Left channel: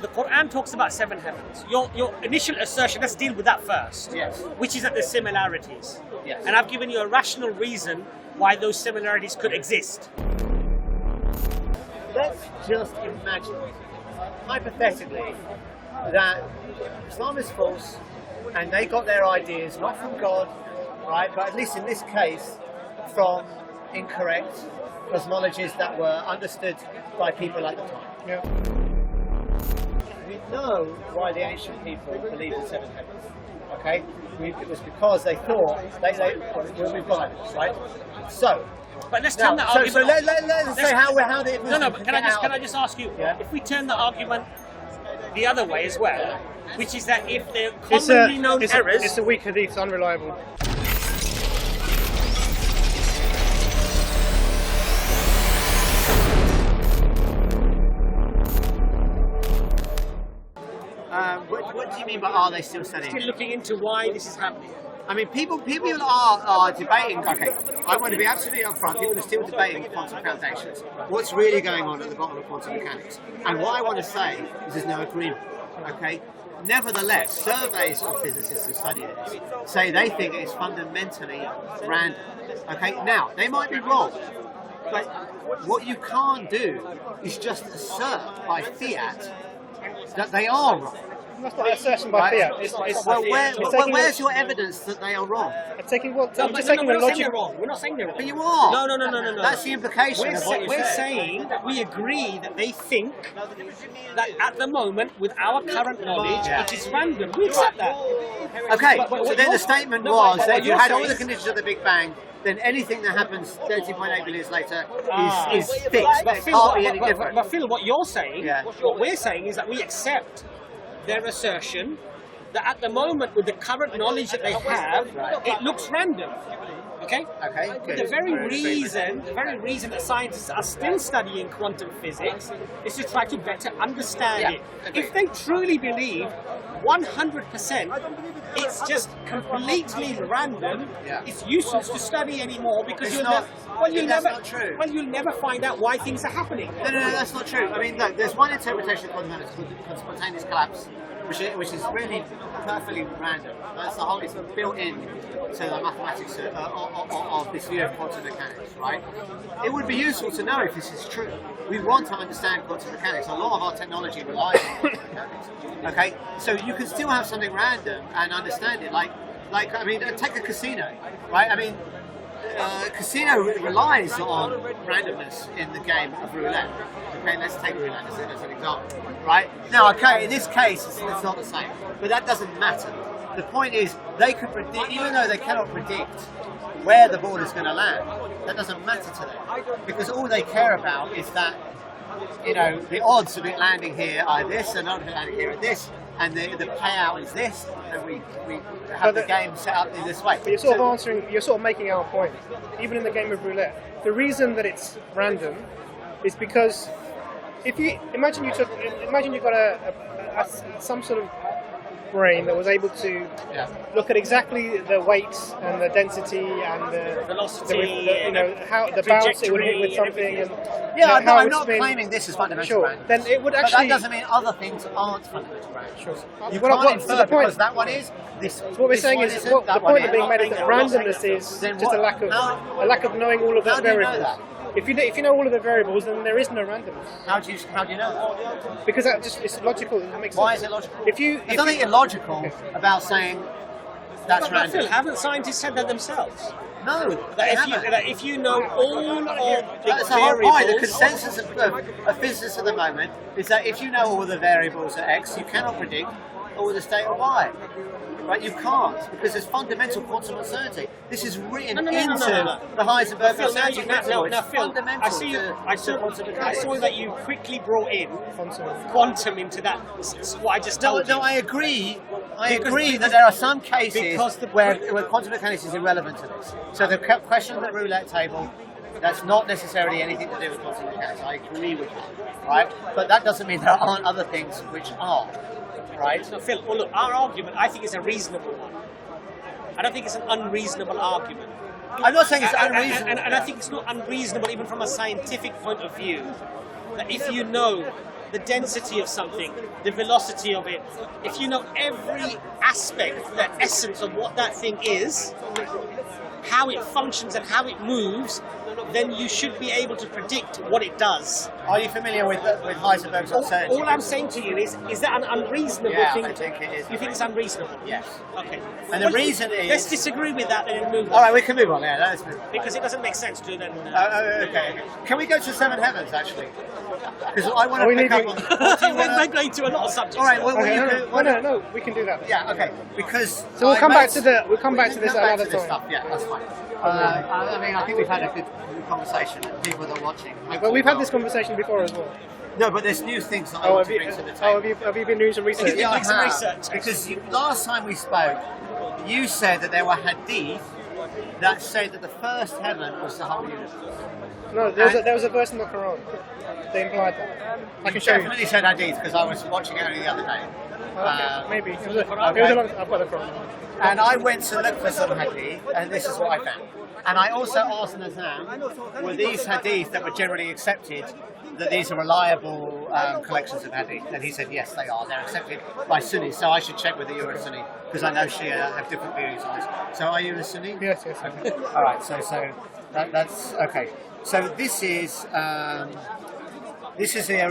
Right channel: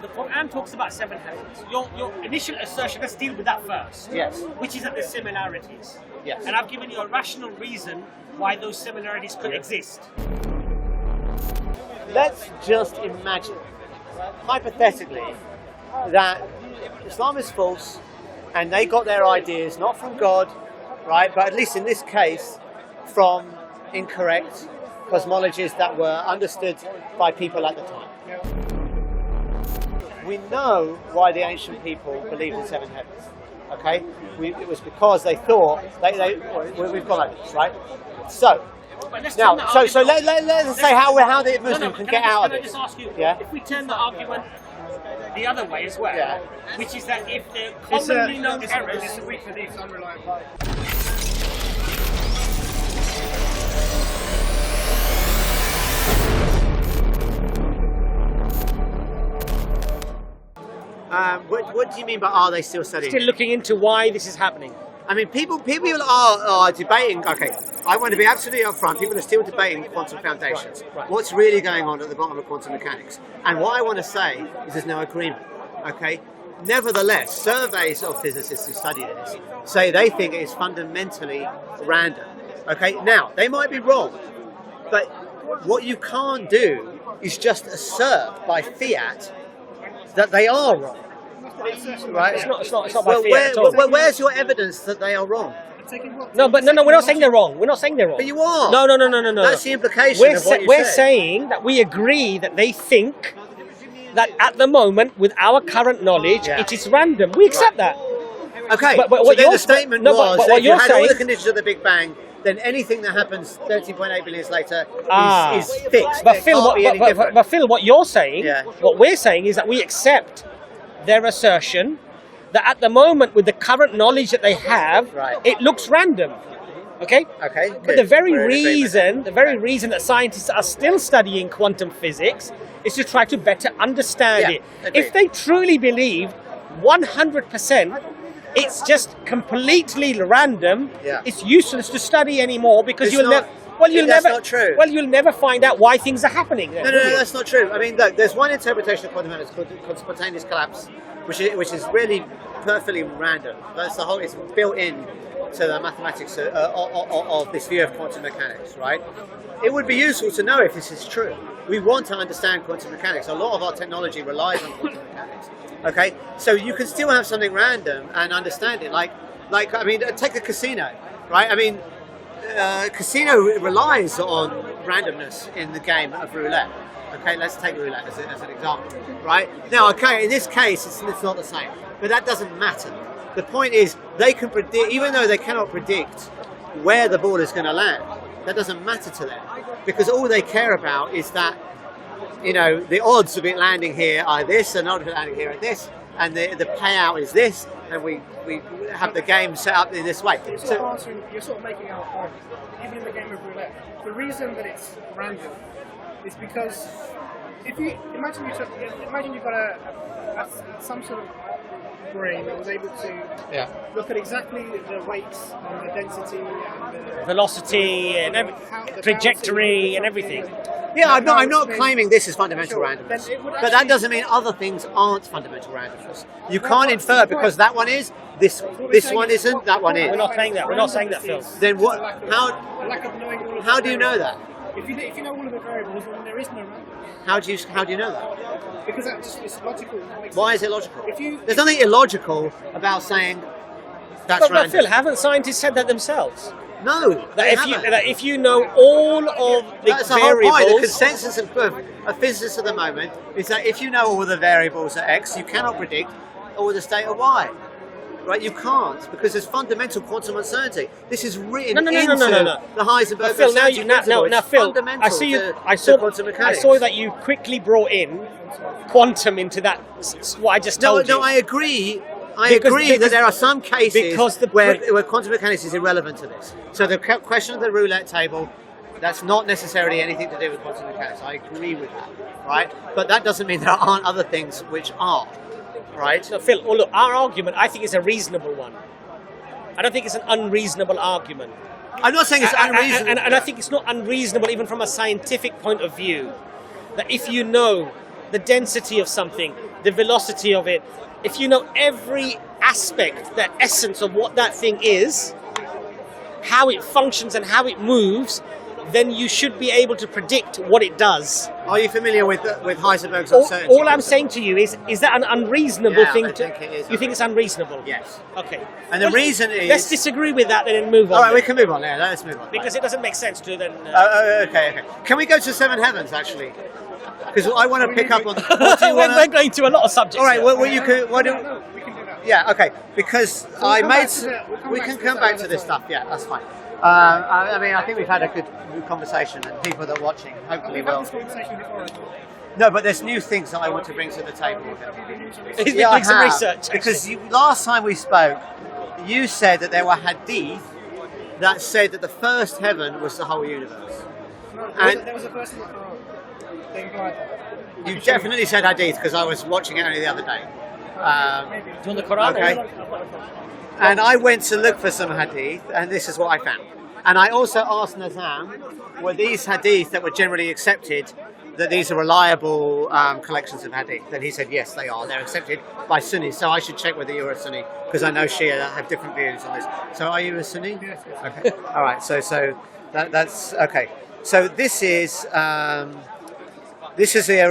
The Quran talks about 7 heavens. Your initial assertion, let's deal with that first. Yes. Which is that there's similarities. Yes. And I've given you a rational reason why those similarities could exist. Let's just imagine, hypothetically, that Islam is false and they got their ideas not from God, right, but at least in this case, from incorrect cosmologies that were understood by people at the time. We know why the ancient people believed in 7 heavens, okay? It was because they thought, we've gone over this, right? So, but let's now, turn the argument. So let's say how the Muslim can get out of it. Can I just ask you, Yeah? if we turn the argument the other way as well, which is that if they're commonly known errors... It's a weak hadith, it's unreliable. What do you mean by are they still studying? Still looking into why this is happening. I mean, people are debating. Okay, I want to be absolutely upfront. People are still debating quantum foundations. What's really going on at the bottom of quantum mechanics? And what I want to say is there's no agreement. Okay. Nevertheless, surveys of physicists who study this say they think it is fundamentally random. Okay. Now they might be wrong, but what you can't do is just assert by fiat that they are wrong. That's not an assertion by Right? fiat. It's not Well, by where's your evidence that they are wrong? No, we're not saying they're wrong. We're not saying they're wrong. But you are. No. That's the implication of what you We're said. saying that we agree that they think that at the moment, with our current knowledge, it is random. We accept that. Okay, But so then you're- the statement no, was but that what if you you're had all saying- the conditions of the Big Bang, then anything that happens 13.8 billion years later is fixed. But It Phil, can't be any different. but Phil, what you're saying, Yeah. what we're saying is that we accept their assertion that at the moment, with the current knowledge that they have, Right. it looks random. Okay? Okay, But good. the very We're in agreement. reason that scientists are still studying quantum physics is to try to better understand Yeah, it. agreed. If they truly believe 100% it's just completely random, Yeah. it's useless to study anymore because It's you'll not- never that's not true. Well, you'll never find out why things are happening. No, that's not true. I mean, look, there's one interpretation of quantum mechanics called spontaneous collapse, which is really perfectly random. That's the whole. It's built in to the mathematics of this view of quantum mechanics, right? It would be useful to know if this is true. We want to understand quantum mechanics. A lot of our technology relies on quantum mechanics. Okay, so you can still have something random and understand it. Like I mean, take a casino, right? I mean, casino relies on randomness in the game of roulette. Okay, let's take roulette as an example, right? Now, okay, in this case, it's not the same, but that doesn't matter. The point is, they can predict, even though they cannot predict where the ball is going to land, that doesn't matter to them, because all they care about is that, you know, the odds of it landing here are this, and not of it landing here are this, and the payout is this, and we have the game set up in this way. But you're sort of making our point. Even in the game of roulette, the reason that it's random is because if you imagine you got some sort of brain that was able to look at exactly the weights and the density and the velocity and how the trajectory and everything. Yeah, I'm not claiming this is fundamental randomness, Then it would but that doesn't mean other things aren't fundamental randomness. You Well, can't what's the infer point? because that one is, this What we're saying one is, isn't, that one is. Randomness is Then just what- a lack of knowing all of the How do you know variables. that? If you know all of the variables, then there is no randomness. How do you know that? Because it's logical. That makes Why sense. is it logical? There's There's nothing illogical about saying that's But random. Phil, haven't scientists said that themselves? No, they That haven't. if you know all of the That's the whole point. The variables- consensus of physicists at the moment is that if you know all the variables at X, you cannot predict all the state of Y. Right? You can't, because there's fundamental quantum uncertainty. This is written No. into the Heisenberg Phil, uncertainty principle. It's Phil, fundamental I to saw quantum mechanics. I saw that you quickly brought in quantum into that. What I just told you. I agree. I Because- agree that there are some cases because the- where quantum mechanics is irrelevant to this. So the question of the roulette table, that's not necessarily anything to do with quantum mechanics. I agree with that, right? But that doesn't mean there aren't other things which are, right? So Phil, well, look, our argument I think is a reasonable one. I don't think it's an unreasonable argument. I'm not saying it's And- unreasonable. And I think it's not unreasonable even from a scientific point of view that if you know the density of something, the velocity of it, if you know every aspect, the essence of what that thing is, how it functions and how it moves, then you should be able to predict what it does. Are you familiar with Heisenberg's uncertainty? All I'm saying to you is that an unreasonable thing? I think it is. You think it's unreasonable? Yes. Okay. And the reason is... Let's disagree with that then and move on. All right, we can move on. Yeah, let's move on. Because it doesn't make sense to then. Okay. Can we go to Seven Heavens, actually? Because I want to pick up on... What do you want We're going to a lot of subjects. All right, well, you can... No, we can do that. Yeah, okay. Because So we'll come back to this stuff. Yeah, that's fine. I mean, I think we've had a good conversation, and people that are watching, hopefully Well, we've had this conversation before as well. No, but there's new things that I want to bring to the table. Have you been doing some research? Yeah, I Some have. research. Because last time we spoke, you said that there were hadith that said that the first heaven was the whole universe. No, there was a verse in the Quran that implied that. I You can show you. definitely said hadith because I was watching it only the other day. Maybe. the Quran. I've got the Quran. And I went to look for some hadith, and this is what I found. And I also asked Nazam, were these hadith that were generally accepted, that these are reliable collections of hadith? And he said, yes, they are. They're accepted by Sunnis. So I should check whether you're a Sunni, because I know Shia have different views on this. So are you a Sunni? Yes. Okay. All right. So that's okay. So this is the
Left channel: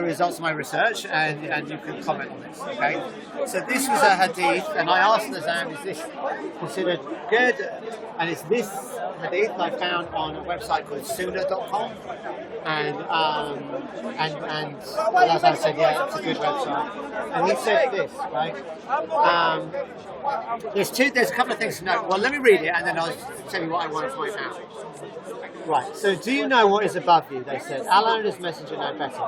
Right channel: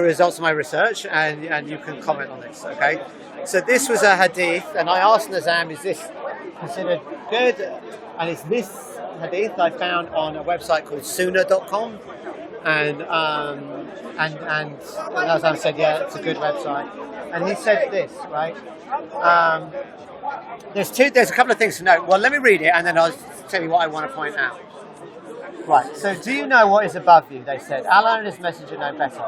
results of my research, and you can comment on this. Okay. So this was a hadith, and I asked Nazam, is this considered good? And it's this hadith I found on a website called Sunnah.com, and Nazam said, yeah, it's a good website. And he said this, right? There's a couple of things to note. Well, let me read it, and then I'll tell you what I want to point out. Right, so do you know what is above you? They said, Allah and His Messenger know better.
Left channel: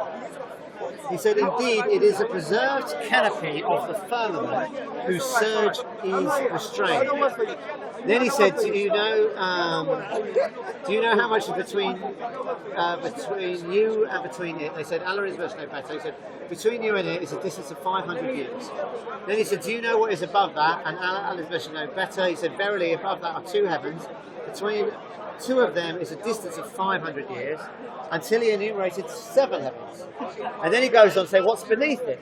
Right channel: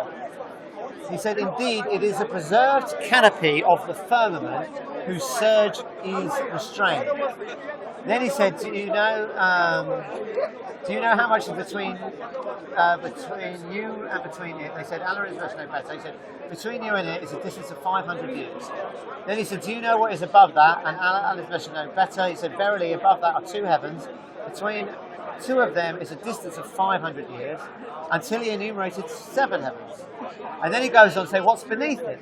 He said, indeed, it is a preserved canopy of the firmament whose surge is restrained. Then he said, do you know how much is between you and between it? They said, Allah and His Messenger know better. He said, between you and it is a distance of 500 years. Then he said, do you know what is above that? And Allah and His Messenger know better. He said, verily, above that are two heavens. Between two of them is a distance of 500 years, until he enumerated 7 heavens. And then he goes on to say, what's beneath it?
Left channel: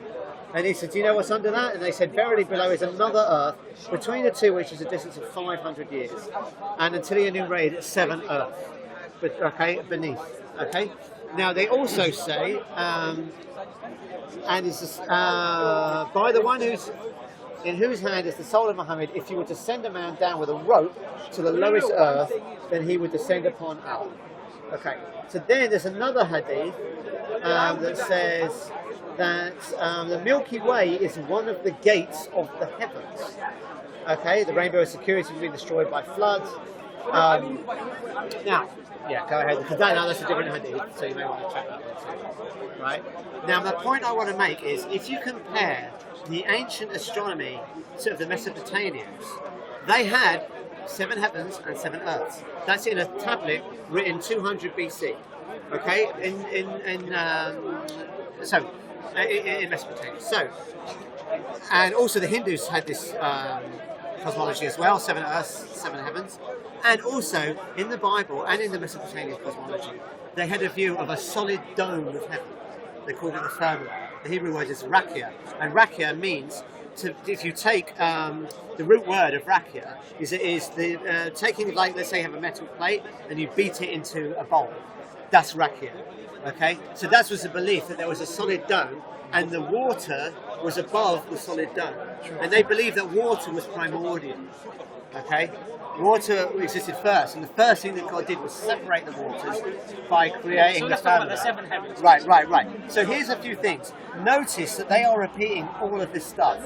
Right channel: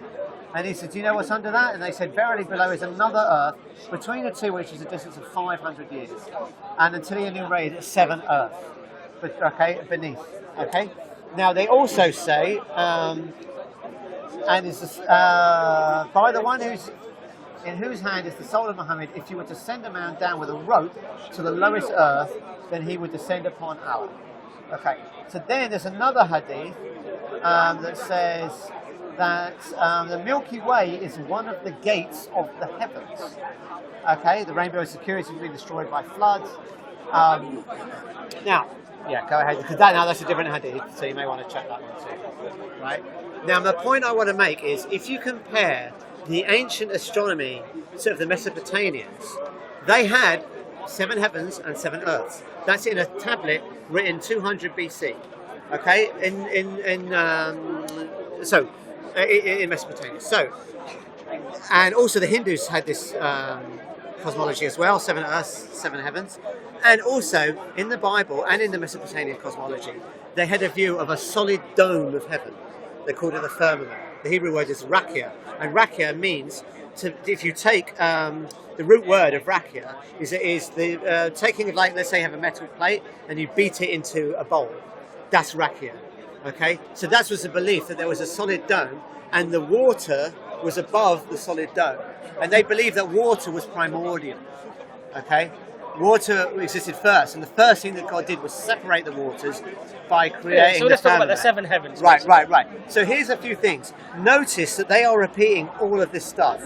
And he said, do you know what's under that? And they said, verily below is another earth, between the two which is a distance of 500 years. And until he enumerated 7 earths. But, okay, beneath. Okay? Now they also say, and it's by the one in whose hand is the soul of Muhammad, if you were to send a man down with a rope to the lowest earth, then he would descend upon Allah. Okay. So then there's another hadith that says that the Milky Way is one of the gates of the heavens. Okay, the rainbow of security has been destroyed by floods. Now, yeah, go ahead, because that's a different hadith, so you may want to check that one too. Right? Now, the point I want to make is, if you compare the ancient astronomy to the Mesopotamians, they had 7 heavens and 7 earths. That's in a tablet written 200 BC. Okay, in Mesopotamia. So, and also the Hindus had this cosmology as well: 7 earths, 7 heavens. And also in the Bible and in the Mesopotamian cosmology, they had a view of a solid dome of heaven. They called it the firmament. The Hebrew word is rakia, and rakia means to. If you take the root word of rakia is the taking of, like, let's say you have a metal plate and you beat it into a bowl. That's rakia. Okay, so that was the belief that there was a solid dome and the water was above the solid dome, and they believed that water was primordial. Okay, water existed first, and the first thing that God did was separate the waters by creating the firmament. The 7 heavens. Right. So here's a few things. Notice that they are repeating all of this stuff.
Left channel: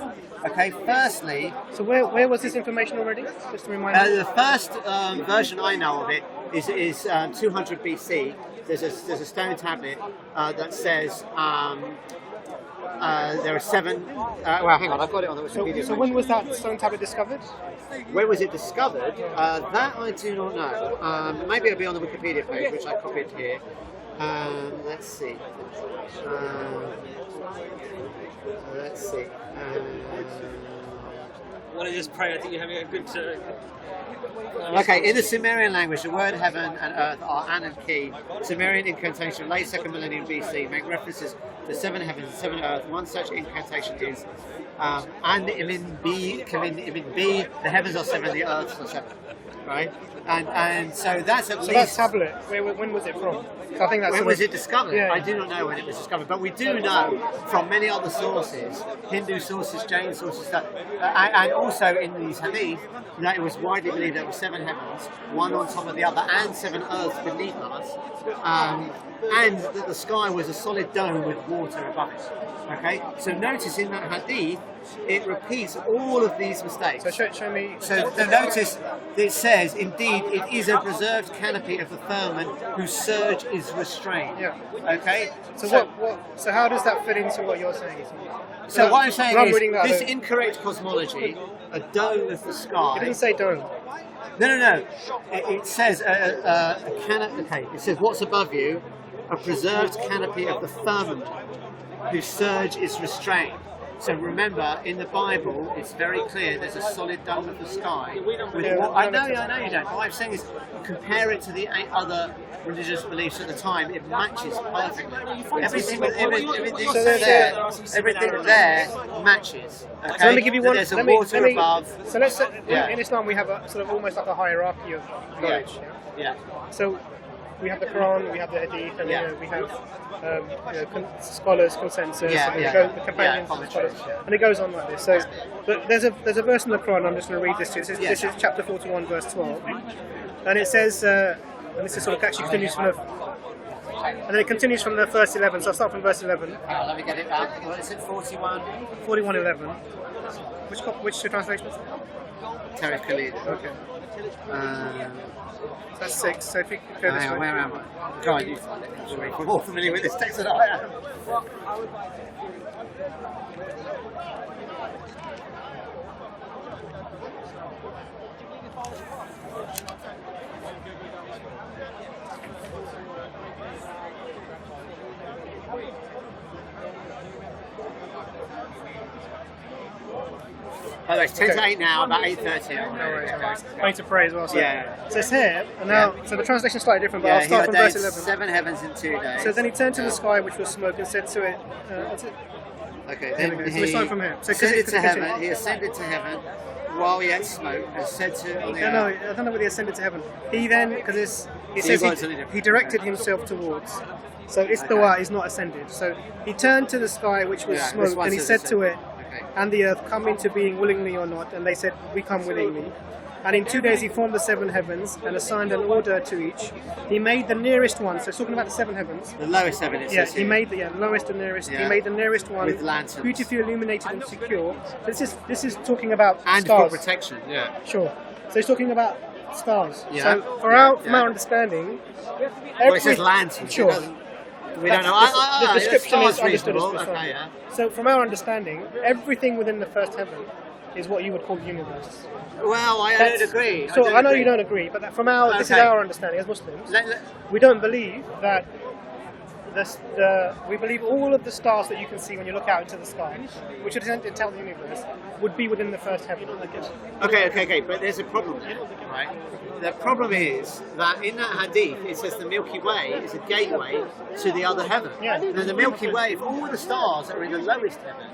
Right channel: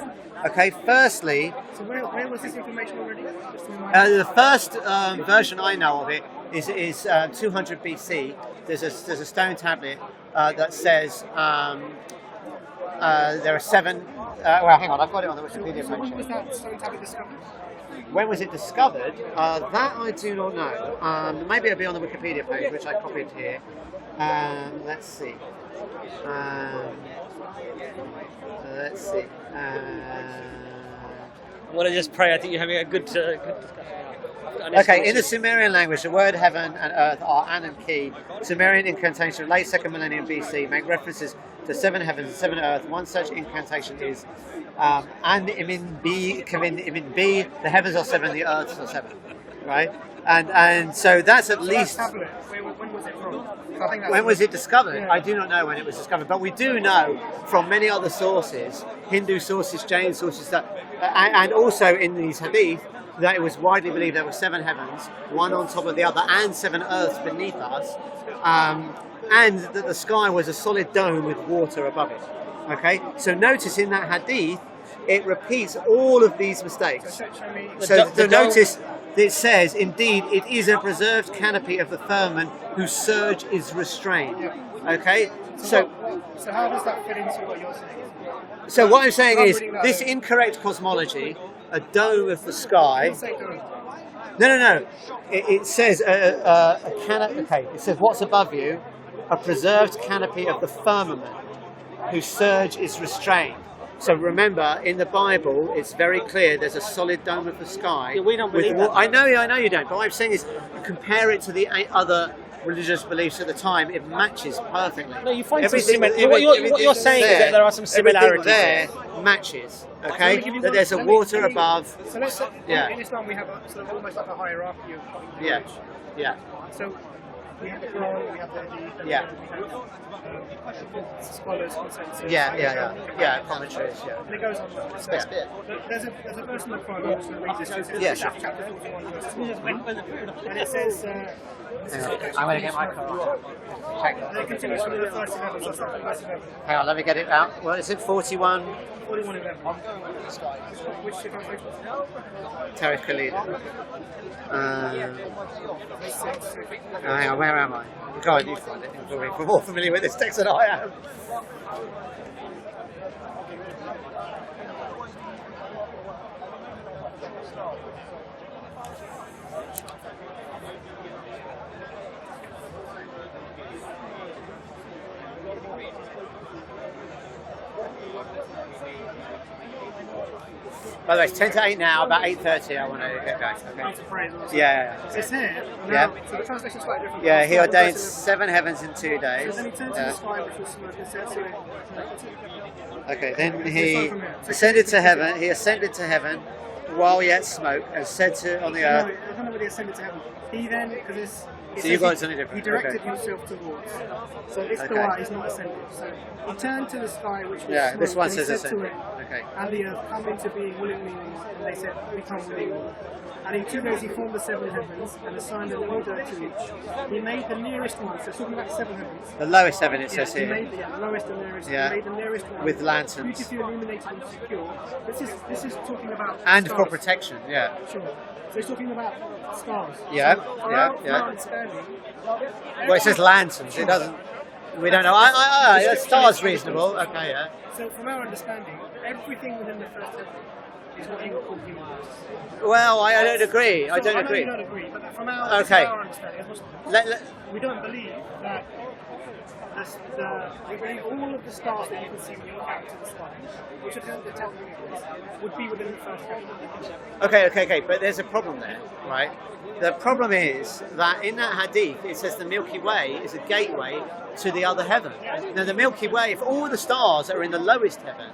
Okay, firstly... So where was this information already? Just to remind me. The first version I know of it is 200 BC. There's a stone tablet that says there are 7... well, hang on, I've got it on the Wikipedia page. So when was that stone tablet discovered? When was it discovered? That I do not know. Maybe it'll be on the Wikipedia page, which I copied here. Let's see. I want to just pray. I think you're having a good... Okay, in the Sumerian language, the word heaven and earth are an and ki, Sumerian incantation of late 2nd millennium BC make references to 7 heavens and 7 earth. One such incantation is and imin B, the heavens are 7, the earths are 7, right? And so that's at least. That tablet, when was it from? I think that's when was it discovered? Yeah. I do not know when it was discovered, but we do know from many other sources, Hindu sources, Jain sources, that, and also in these hadith, that it was widely believed there were 7 heavens, one on top of the other, and 7 earths beneath us, and that the sky was a solid dome with water above it. Okay, so notice in that hadith, it repeats all of these mistakes. So show me. So notice it says, indeed, it is a preserved canopy of the firmament whose surge is restrained. Yeah. Okay? So how does that fit into what you're saying? So what I'm saying is, reading that this out. incorrect cosmology, a dome of the I sky... didn't say dome. No. It says a canopy... Okay, it says what's above you, a preserved canopy of the firmament whose surge is restrained. So remember, in the Bible, it's very clear there's a solid dome of the sky. Yeah, we don't with believe what that. I know you don't. But what I'm saying is, you compare it to the 8 other religious beliefs at the time, it matches perfectly. No, you find everything, what you're saying is that there are some everything similarities. there matches. So Okay, let me give you that one, there's a let me- water let me- above. So let's say Yeah. in Islam we have a sort of almost like a hierarchy of Yeah. knowledge. Yeah, So we have the Quran, we have the Hadith, and Yeah. we have scholars' consensus. Yeah, and yeah, the yeah. companions Yeah, and commentaries, stuff. yeah. And it goes on like this. So Yeah. there's a verse in the Quran. I'm just going to read this to you. Yeah. This is chapter 41, verse 12, and it says, and this is sort of actually finished from and then it continues from the verse 11. So I'll start from verse 11. hang on, let me get it out. What is it? 41. 41:11. Which translation is it? Tariq Khalid. Okay. That's 6. So if you can go Hang on, where am I? Go on, you find it. You're probably more familiar with this text than I am. By the way, it's 10 to 8 now, about 8:30 I want to get going. I need to pray as well. So, Yeah. so it's here, and now, Yeah. so the translation is slightly different, but Yeah, I'll he start from ordained verse 11. 7 heavens in 2 days. So then he turned to Yeah. the sky, which was smoke, and said to it, Okay, Here then we go. So he we start from here. So ascended to continue. heaven. He ascended to heaven while yet smoke, and said to on the no, earth. I don't know whether he ascended to heaven. He then, because it So says you've got something different. he directed Okay. himself towards. So EFDawah is not ascended. So he turned to the sky, which was Yeah, this smoke, one and he says said to it, Okay. and the earth, come into being willingly or not, and they said, we come willingly. And in 2 days he formed the 7 heavens and assigned an order to each. He made the nearest one, so it's talking about the 7 heavens. The lowest heaven it Yeah, says he here. made the lowest and nearest. Yeah. He made the nearest one With lanterns. beautifully illuminated and secure. This is talking about and stars. for protection. Yeah. Sure. So he's talking about stars. Yeah, So from yeah, our understanding, Well, it says lanterns. Sure. It doesn't. We don't know. The The description star's is reasonable. understood. Okay, yeah. So from our understanding, everything within the first heaven is what you would call the universe. Well, I don't agree. So I know agree. you don't agree, but from our this is Okay. our understanding as Muslims. Let- We don't believe that we believe all of the stars that you can see when you look out into the sky, which would essentially tell the universe, would be within the first heaven. Okay. But there's a problem there, right? The problem is that in that hadith it says the Milky Way is a gateway to the other heaven. Yeah. Now the Milky Way, if all the stars are in the lowest heaven,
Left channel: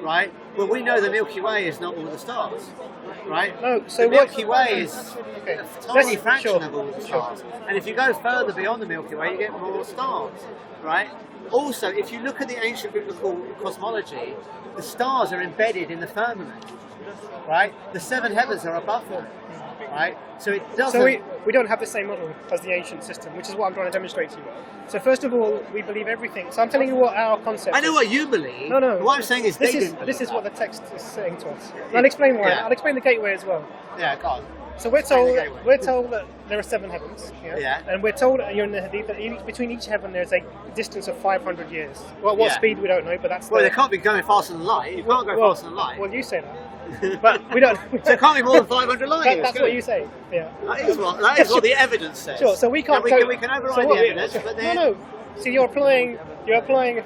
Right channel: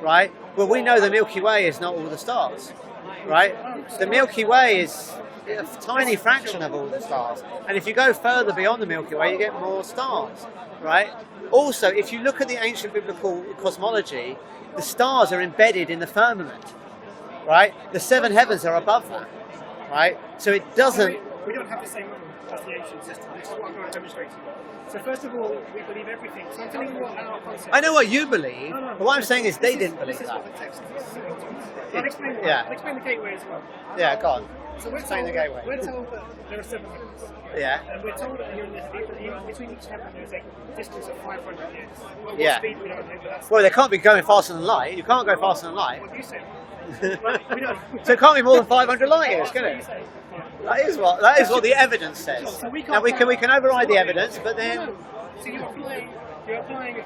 right? Well, we know the Milky Way is not all the stars, right? No, so the Milky Way is Okay. a tiny Let's- fraction sure, of all the sure. stars. And if you go further beyond the Milky Way, you get more stars, right? Also, if you look at the ancient biblical cosmology, the stars are embedded in the firmament, right? The 7 heavens are above that, right? So it doesn't... So we don't have the same model as the ancient system, which is what I'm trying to demonstrate to you. So first of all, we believe everything. So I'm telling you what our concept I know is. what you believe, No. but what I'm saying is This they didn't believe This is that. what the text is saying to us. And I'll explain why. Yeah. I'll explain the gateway as well. Yeah, go on. So we're Explain told, the gateway. that there are 7 heavens. Yeah. And we're told, and you're in the hadith, that between each heaven there's a distance of 500 years. What Yeah. speed we don't know, but that's Well, they can't be going faster than light. You can't go faster than light. Well, you say that. But we don't. So it can't be more than 500 light years, That's can what it? you say. Yeah. That is what the evidence says. Sure. So we can't. Now, we can override so what the we- evidence, but then No. See, you're applying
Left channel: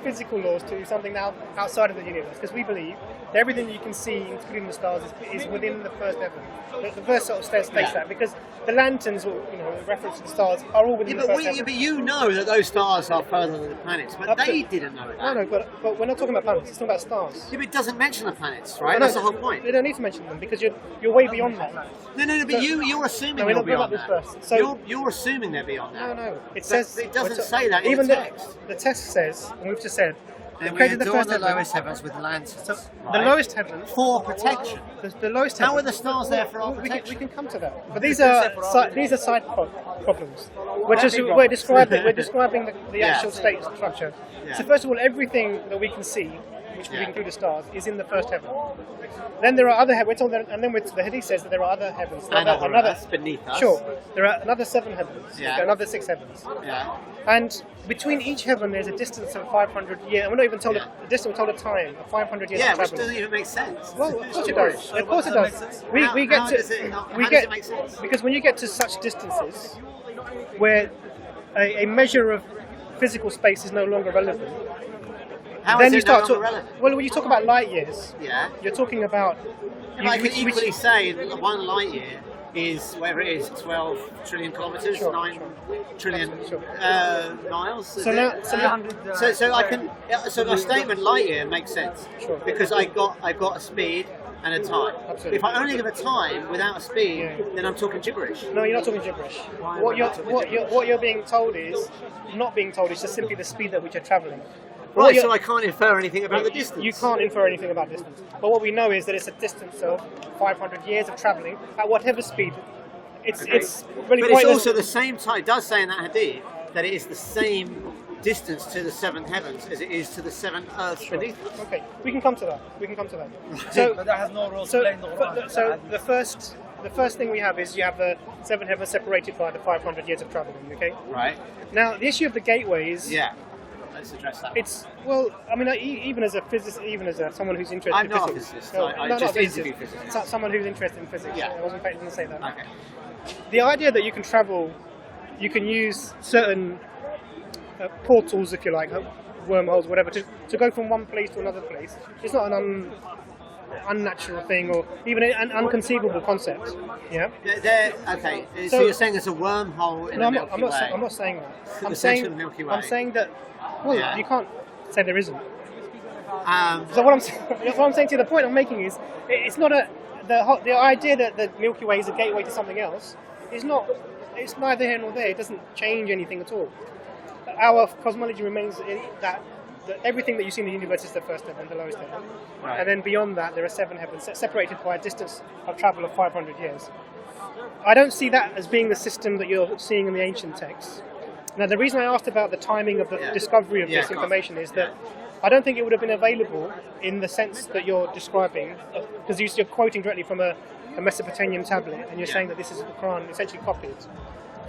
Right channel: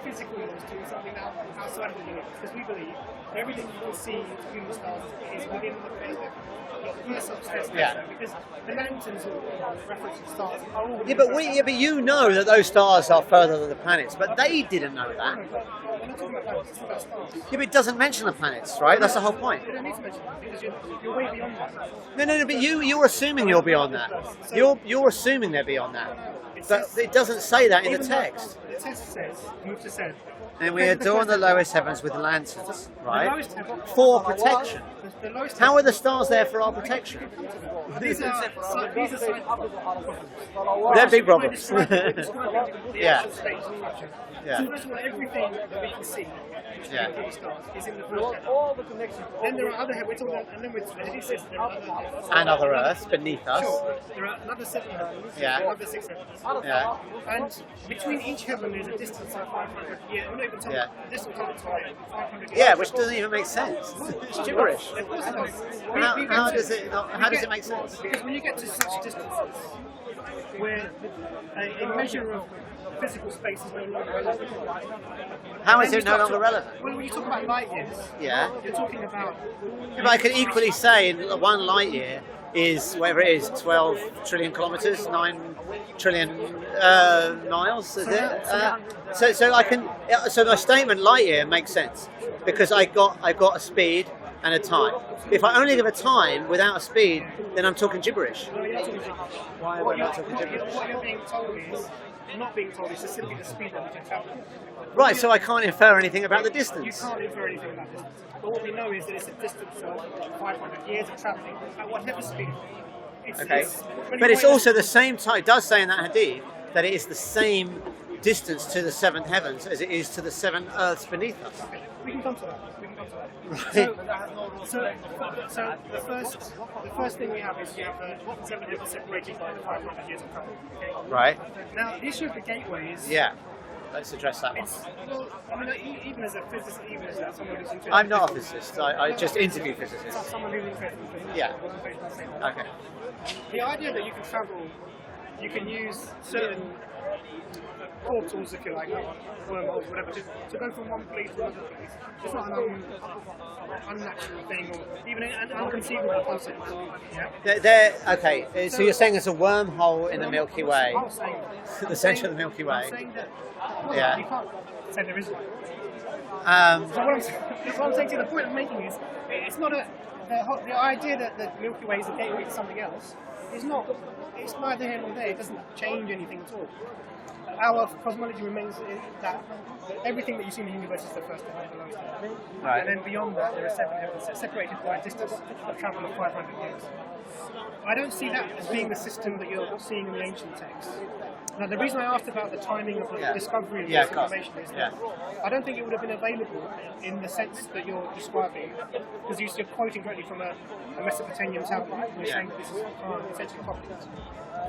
physical laws to something now outside of the universe, because we believe that everything you can see, including the stars, is within the first heaven. The verse sort of states Yeah. that because the lanterns, or the reference to the stars, are all within Yeah, the first heaven. but you know that those stars are further than the planets, but they didn't know that. No, but we're not talking about planets. It's not about stars. Yeah, but it doesn't mention the planets, right? No, That's the whole point. They don't need to mention them because you're way beyond that. No, but you're assuming No, you're we're beyond not that. this first. You're assuming they're beyond that. No. It But says it doesn't say that in the even text. The text says, and we've just said, And we created the adorn first the heaven. lowest heavens with lanterns, So right? the lowest heaven For protection. The lowest How heaven. are the stars there for our We protection? can come to that. But these are side problems. They're big We're problems. describing the Yeah. actual state structure. Yeah. So first of all, everything that we can see, which Yeah. we include the stars, is in the first heaven. Then there are other heavens, and then the Hadith says that there are other heavens. And other Another- earths beneath us. Sure. There are another 7 heavens. Yeah. There are another 6 heavens. Yeah. And between each heaven, there's a distance of 500 years. And we're not even told Yeah. a distance, we're told a time of 500 years. Yeah, of which travel. doesn't even make sense. Well, It's gibberish. Of course it does. How does it make sense? Because when you get to such distances, where a measure of physical space is no longer relevant. How is then you it no start longer to- relevant? Well, when you talk about light years, Yeah. you're talking about. But I could equally say one light year is whatever it is, 12 trillion kilometers, Sure. 9 trillion miles. Is So it? now- So I can. So my statement light year makes sense Sure. because I got a speed and a time. Absolutely. If I only give a time without a speed, Yeah. then I'm talking gibberish. No, you're not talking gibberish. Why am I What not talking gibberish? what you're being told is, not being told is just simply the speed at which you're travelling. Right, so I can't infer anything about the distance. You can't infer anything about distance. But what we know is that it's a distance of 500 years of travelling at whatever speed. It's Okay. really But it's pointless. also the same time. It does say in that hadith that it is the same distance to the 7th heavens as it is to the 7 earths beneath us. Okay, we can come to that. Right. So the first thing we have is you have the 7 heavens separated by the 500 years of travelling. Okay. Right. Now the issue of the gateways. Yeah. Let's address that one. It's well, I mean, even as a physicist, even as someone who's interested. I'm in not a physics. physicist. No, I not just a physicist. interview physicists. Someone who's interested in physics. Yeah. I wasn't going to say that. Okay. The idea that you can travel, you can use certain portals, if you like, wormholes, whatever, to go from one place to another place. It's not an unnatural thing or even an unconceivable concept. Yeah. Okay. So So- you're saying there's a wormhole in No, the Milky Way. I'm not saying that. The centre of the Milky Way. I'm saying that. Well, Yeah. you can't say there isn't. Um, So what I'm saying to you, the point I'm making is, it's not the idea that the Milky Way is a gateway to something else is not. It's neither here nor there. It doesn't change anything at all. Our cosmology remains that everything that you see in the universe is the first heaven, the lowest heaven, Right. and then beyond that there are 7 heavens separated by a distance of travel of 500 years. I don't see that as being the system that you're seeing in the ancient texts. Now, the reason I asked about the timing of the Yeah. discovery of Yeah, this of course. information is that Yeah. I don't think it would have been available in the sense that you're describing, because you're quoting directly from a Mesopotamian tablet, and you're Yeah. saying that this is the Quran essentially copied.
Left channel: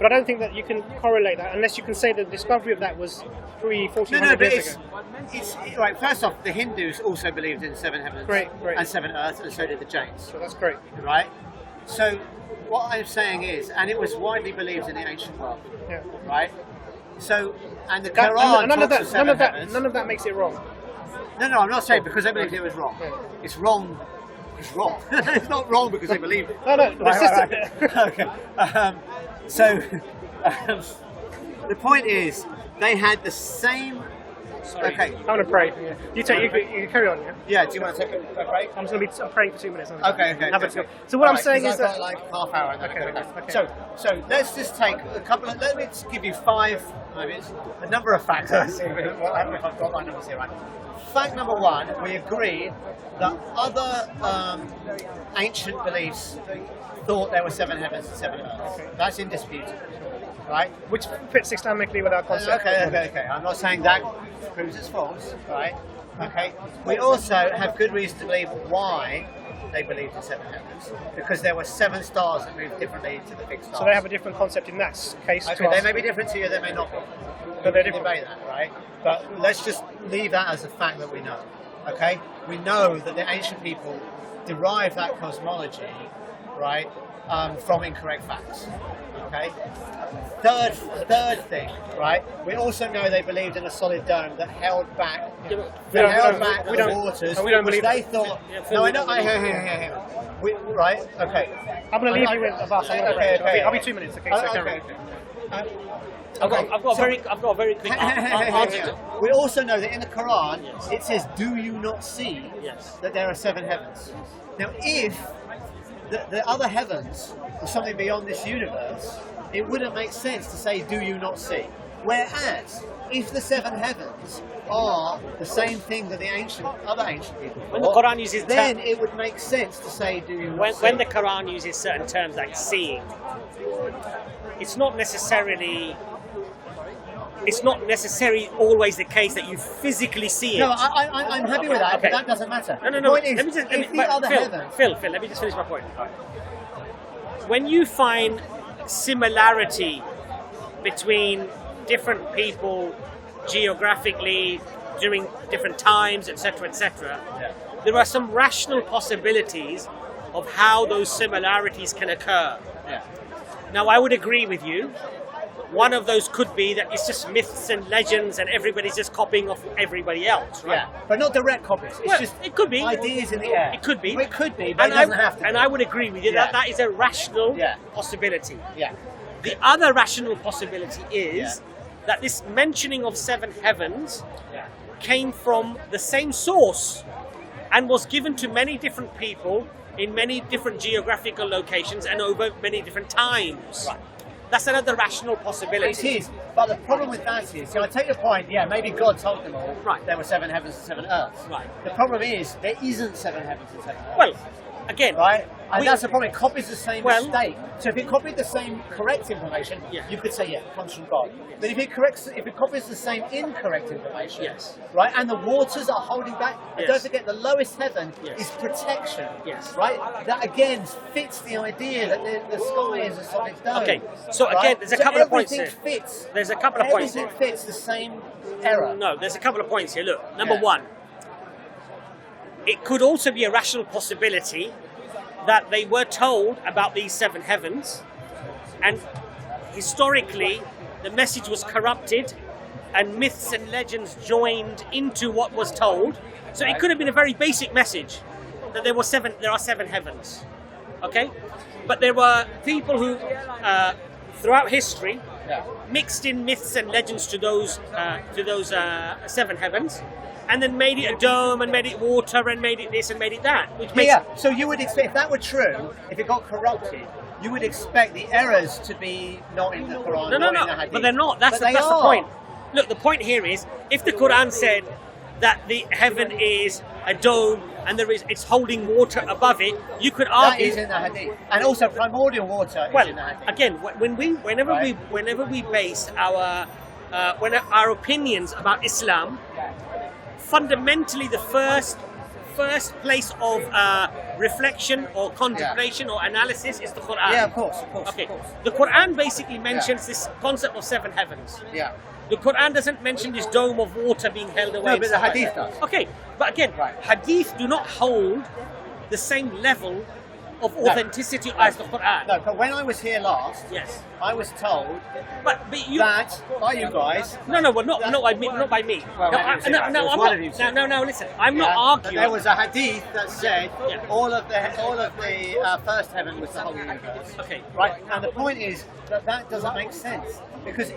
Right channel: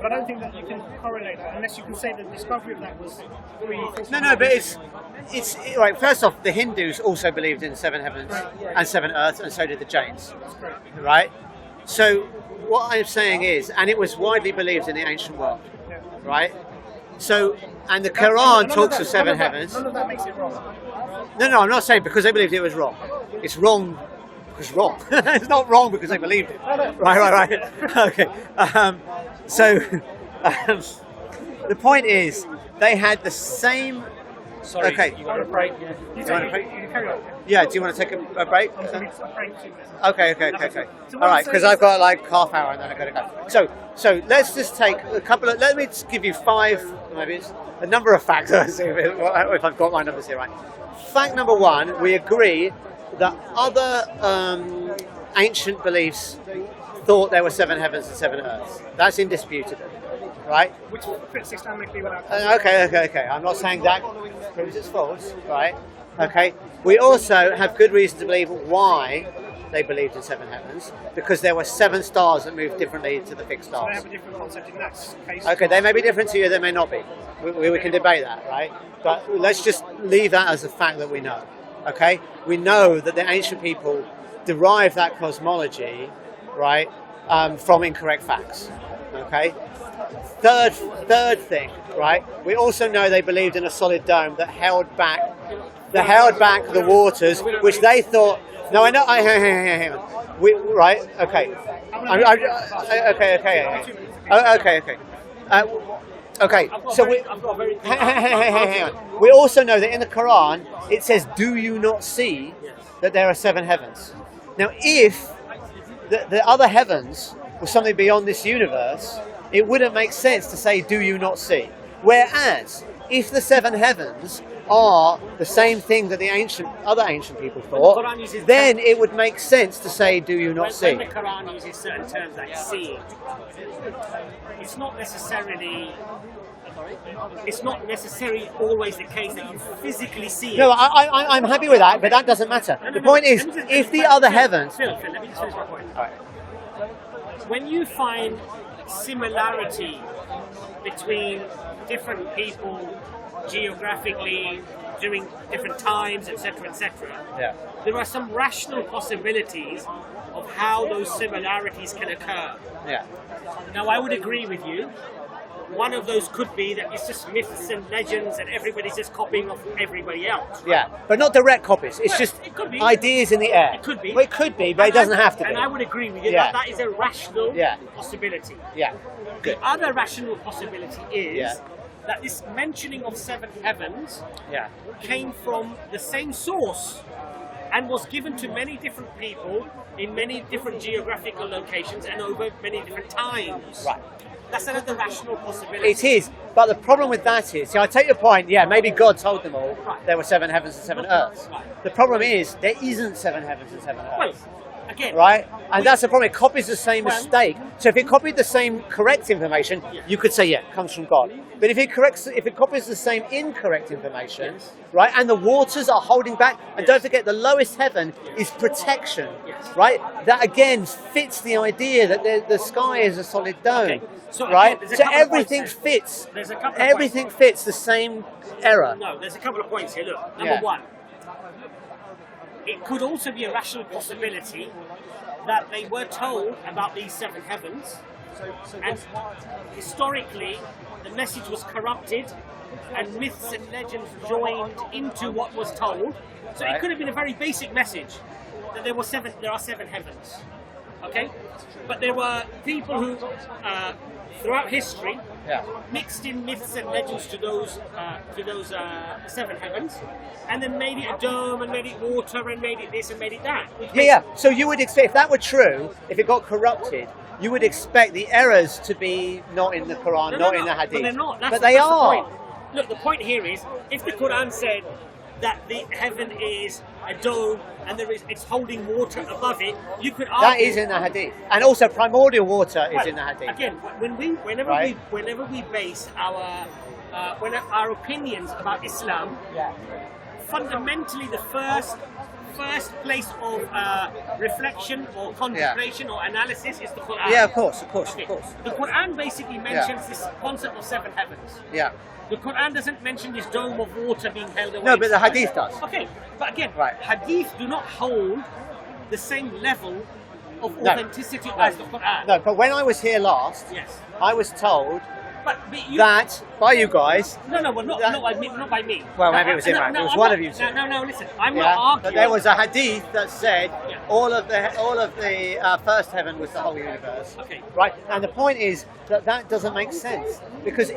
But I don't think that you can correlate that unless you can say the discovery of that was 300-400 No, but years it's ago. right. First off, the Hindus also believed in 7 heavens Right. and 7 earths, and so did the Jains. So that's great. Right. So what I'm saying is, and it was widely believed in the ancient world. Yeah. Right. So, and the That- Quran none of talks that- of 7 none of that- heavens. None of that makes it wrong. No, I'm not saying because they believed it was wrong. It's wrong because it's wrong. It's not wrong because they believed it. No, Right. Okay. So the point is, they had the same. Okay. I want to pray. You carry on. Yeah? Yeah. Do you want to take a break? I'm just going to be praying for 2 minutes. Okay. So what All I'm right, saying because is I've got that- like half hour and then I've got to go. So let's just take a couple of. Let me just give you 5. Maybe it's a number of facts. Let's see if I've got my numbers here right. Fact number 1: we agree that other ancient beliefs thought there were 7 heavens and 7 earths. That's indisputable, right? Which fits Islamically with our concept. Okay. I'm not saying that proves it's false, right? Okay. We also have good reason to believe why they believed in 7 heavens, because there were 7 stars that moved differently to the fixed So they have stars. a different concept in that case. Okay, they may be different to you, they may not be. We can debate that, right? But let's just leave that as a fact that we know. Okay? We know that the ancient people derived that cosmology, right, from incorrect facts. Okay? Third thing, right? We also know they believed in a solid dome that held back the waters, which they thought. No, I know. Hang on. Right. Okay. I'm I'm- gonna okay. I'll be 2 minutes. Okay. Okay. I've got So a very clear hang answer. on. We also know that in the Quran it says, "Do you not see Yes. that there are 7 heavens?" Now, if the other heavens were something beyond this universe, it wouldn't make sense to say, "Do you not see?" Whereas, if the 7 heavens are the same thing that the other ancient people When the thought, Quran uses then it would make sense to say, "Do you not see?" when the Quran uses certain terms like seeing, it's not necessarily always the case that you physically see it. No, I'm happy with that, but Okay. that doesn't matter. No, The point is, let me just- if the but other Phil, heavens... Phil, let me just finish my point. All right. When you find similarity between different people geographically during different times, etc., Yeah. there are some rational possibilities of how those similarities can occur. Yeah. Now, I would agree with you. One of those could be that it's just myths and legends and everybody's just copying off everybody else, right? Yeah, but not direct copies. It's Well, just it could be. ideas in the air. It could be. Well, it could be, but it And doesn't have to be. And I would agree with you Yeah. that that is a rational Yeah. possibility. Yeah. The other rational possibility is Yeah. that this mentioning of 7 heavens Yeah. came from the same source and was given to many different people in many different geographical locations and over many different times. Right. That's another rational possibility. It is, but the problem with that is, see, I take your point, yeah, maybe God told them all Right. there were 7 heavens and 7 earths. Right. The problem is, there isn't 7 heavens and 7 earths. Well, again, right? And we- that's the problem. It copies the same Well- mistake. So if it copied the same correct information, Yeah. you could say, yeah, it comes from God. But if it copies the same incorrect information, Yes. right, and the waters are holding back, and Yes. don't forget, the lowest heaven Yes. is protection, Yes. right? That again fits the idea that the sky is a solid dome. Okay, so again, right? there's a so couple of points everything here. fits. There's a couple of points Everything fits the same error. No, there's a couple of points here. Look, number Yeah. one, it could also be a rational possibility that they were told about these 7 heavens, and historically the message was corrupted and myths and legends joined into what was told. So Right. it could have been a very basic message that there are 7 heavens. Okay? But there were people who throughout history Yeah. mixed in myths and legends to those 7 heavens, and then made it a dome and made it water and made it this and made it that. Which makes, Yeah. So you would expect, if that were true, if it got corrupted, you would expect the errors to be not in the Quran, not in the Hadith. But they're not. That's but the, they that's are. the point. Look, the point here is, if the Quran said that the heaven is a dome and it's holding water above it, you could argue That is in the Hadith, and also primordial water well, is in the Hadith. again, whenever we base our opinions about Islam, Yeah. fundamentally the first place of reflection or contemplation or analysis is the Quran. Yeah, of course. Okay. The Quran basically mentions this concept of 7 heavens. Yeah. The Quran doesn't mention this dome of water being held away. No, and but the stuff like Hadith that. does. Okay, but again, Right. Hadith do not hold the same level of No. authenticity as the Quran. No, but when I was here last, Yes, I was told but you. that by you guys. No, well, not by me. Not by me. Well, No, maybe it was him, right? It was I'm one not- of you said. No. Listen, I'm Yeah, not that arguing. there was a hadith that said Yeah. all of the first heaven was the whole universe. Okay. Right, and the point is that doesn't make sense because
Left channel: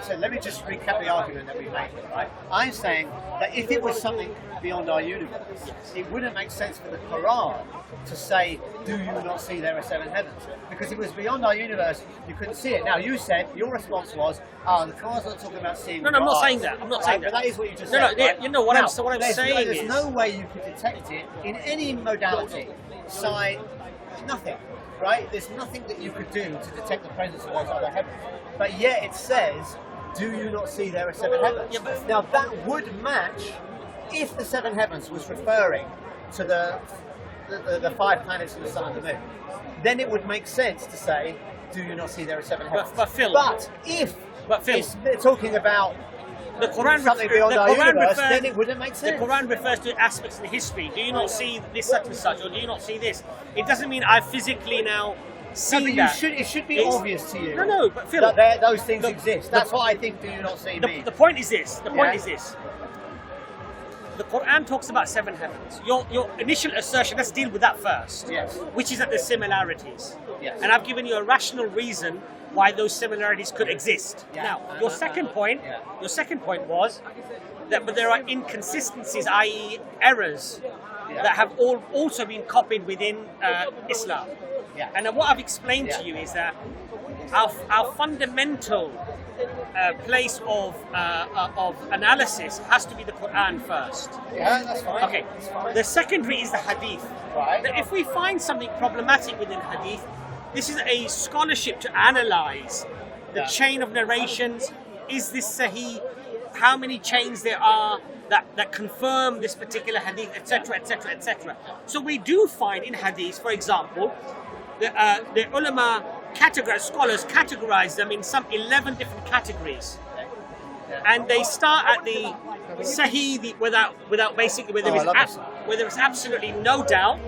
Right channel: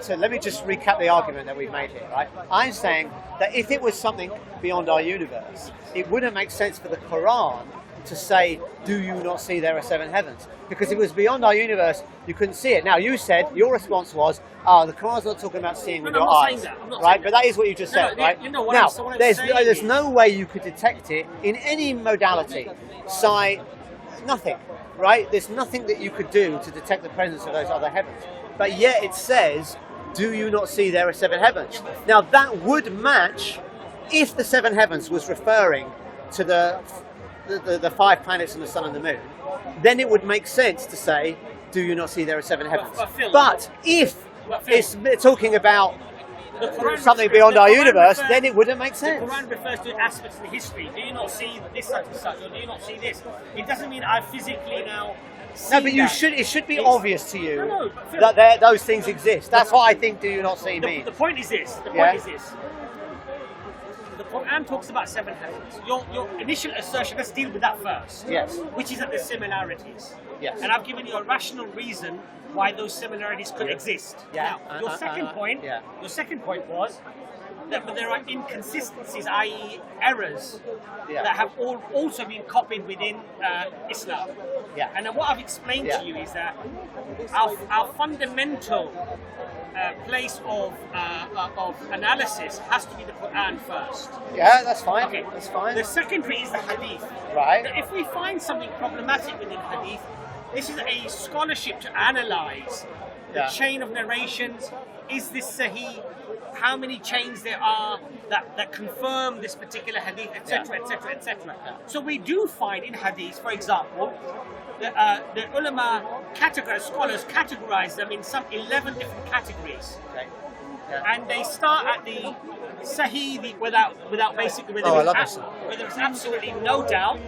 so let me just recap the argument that we've made here. Right, I'm saying that if it was something beyond our universe, it wouldn't make sense for the Quran to say, "Do you not see there are 7 heavens?" Because if it was beyond our universe, you couldn't see it. Now you said your response was, "Oh, the Quran's not talking about seeing No, with no, your I'm not eyes." saying that. I'm not right? saying But that. that is what you just No, said, no, right? you know what now, I'm there's saying there's is- no way you could detect it in any modality, sight, nothing, right? There's nothing that you could do to detect the presence of those other heavens. But yet it says, "Do you not see there are 7 heavens?" Yeah, but- Now that would match if the 7 heavens was referring to the 5 planets and the sun and the moon. Then it would make sense to say, "Do you not see there are 7 heavens?" but Phil- But if But Phil- it's talking about The Quran something refers- beyond the our Quran universe, refers- then it wouldn't make sense. The Quran refers to aspects in history. Do you not see this such and such, or do you not see this? It doesn't mean I physically now see No, but that. it should be It's- obvious to you No, but Phil, that those things the- exist. the- That's what I think "Do you not see" means. the point is this. The Yeah. point is this. the Quran talks about 7 heavens. Your initial assertion, let's deal with that first. Yes. Which is that there's similarities. Yes. And I've given you a rational reason why those similarities could exist. Yeah. Now, your second point was that but there are inconsistencies, i.e. errors, that have also been copied within Islam. Yeah. And what I've explained to you is that our fundamental place of analysis has to be the Quran first. Yeah, that's fine. Okay. That's fine. The secondary is the Hadith. Right. Now, if we find something problematic within Hadith, this is a scholarship to analyze the chain of narrations. Is this Sahih? How many chains there are that confirm this particular Hadith, etc., etc., etc. So we do find in Hadith, for example, the ulama scholars categorize them in some 11 different categories. Okay. Yeah. And they start at the Sahih, without basically where there is absolutely no doubt.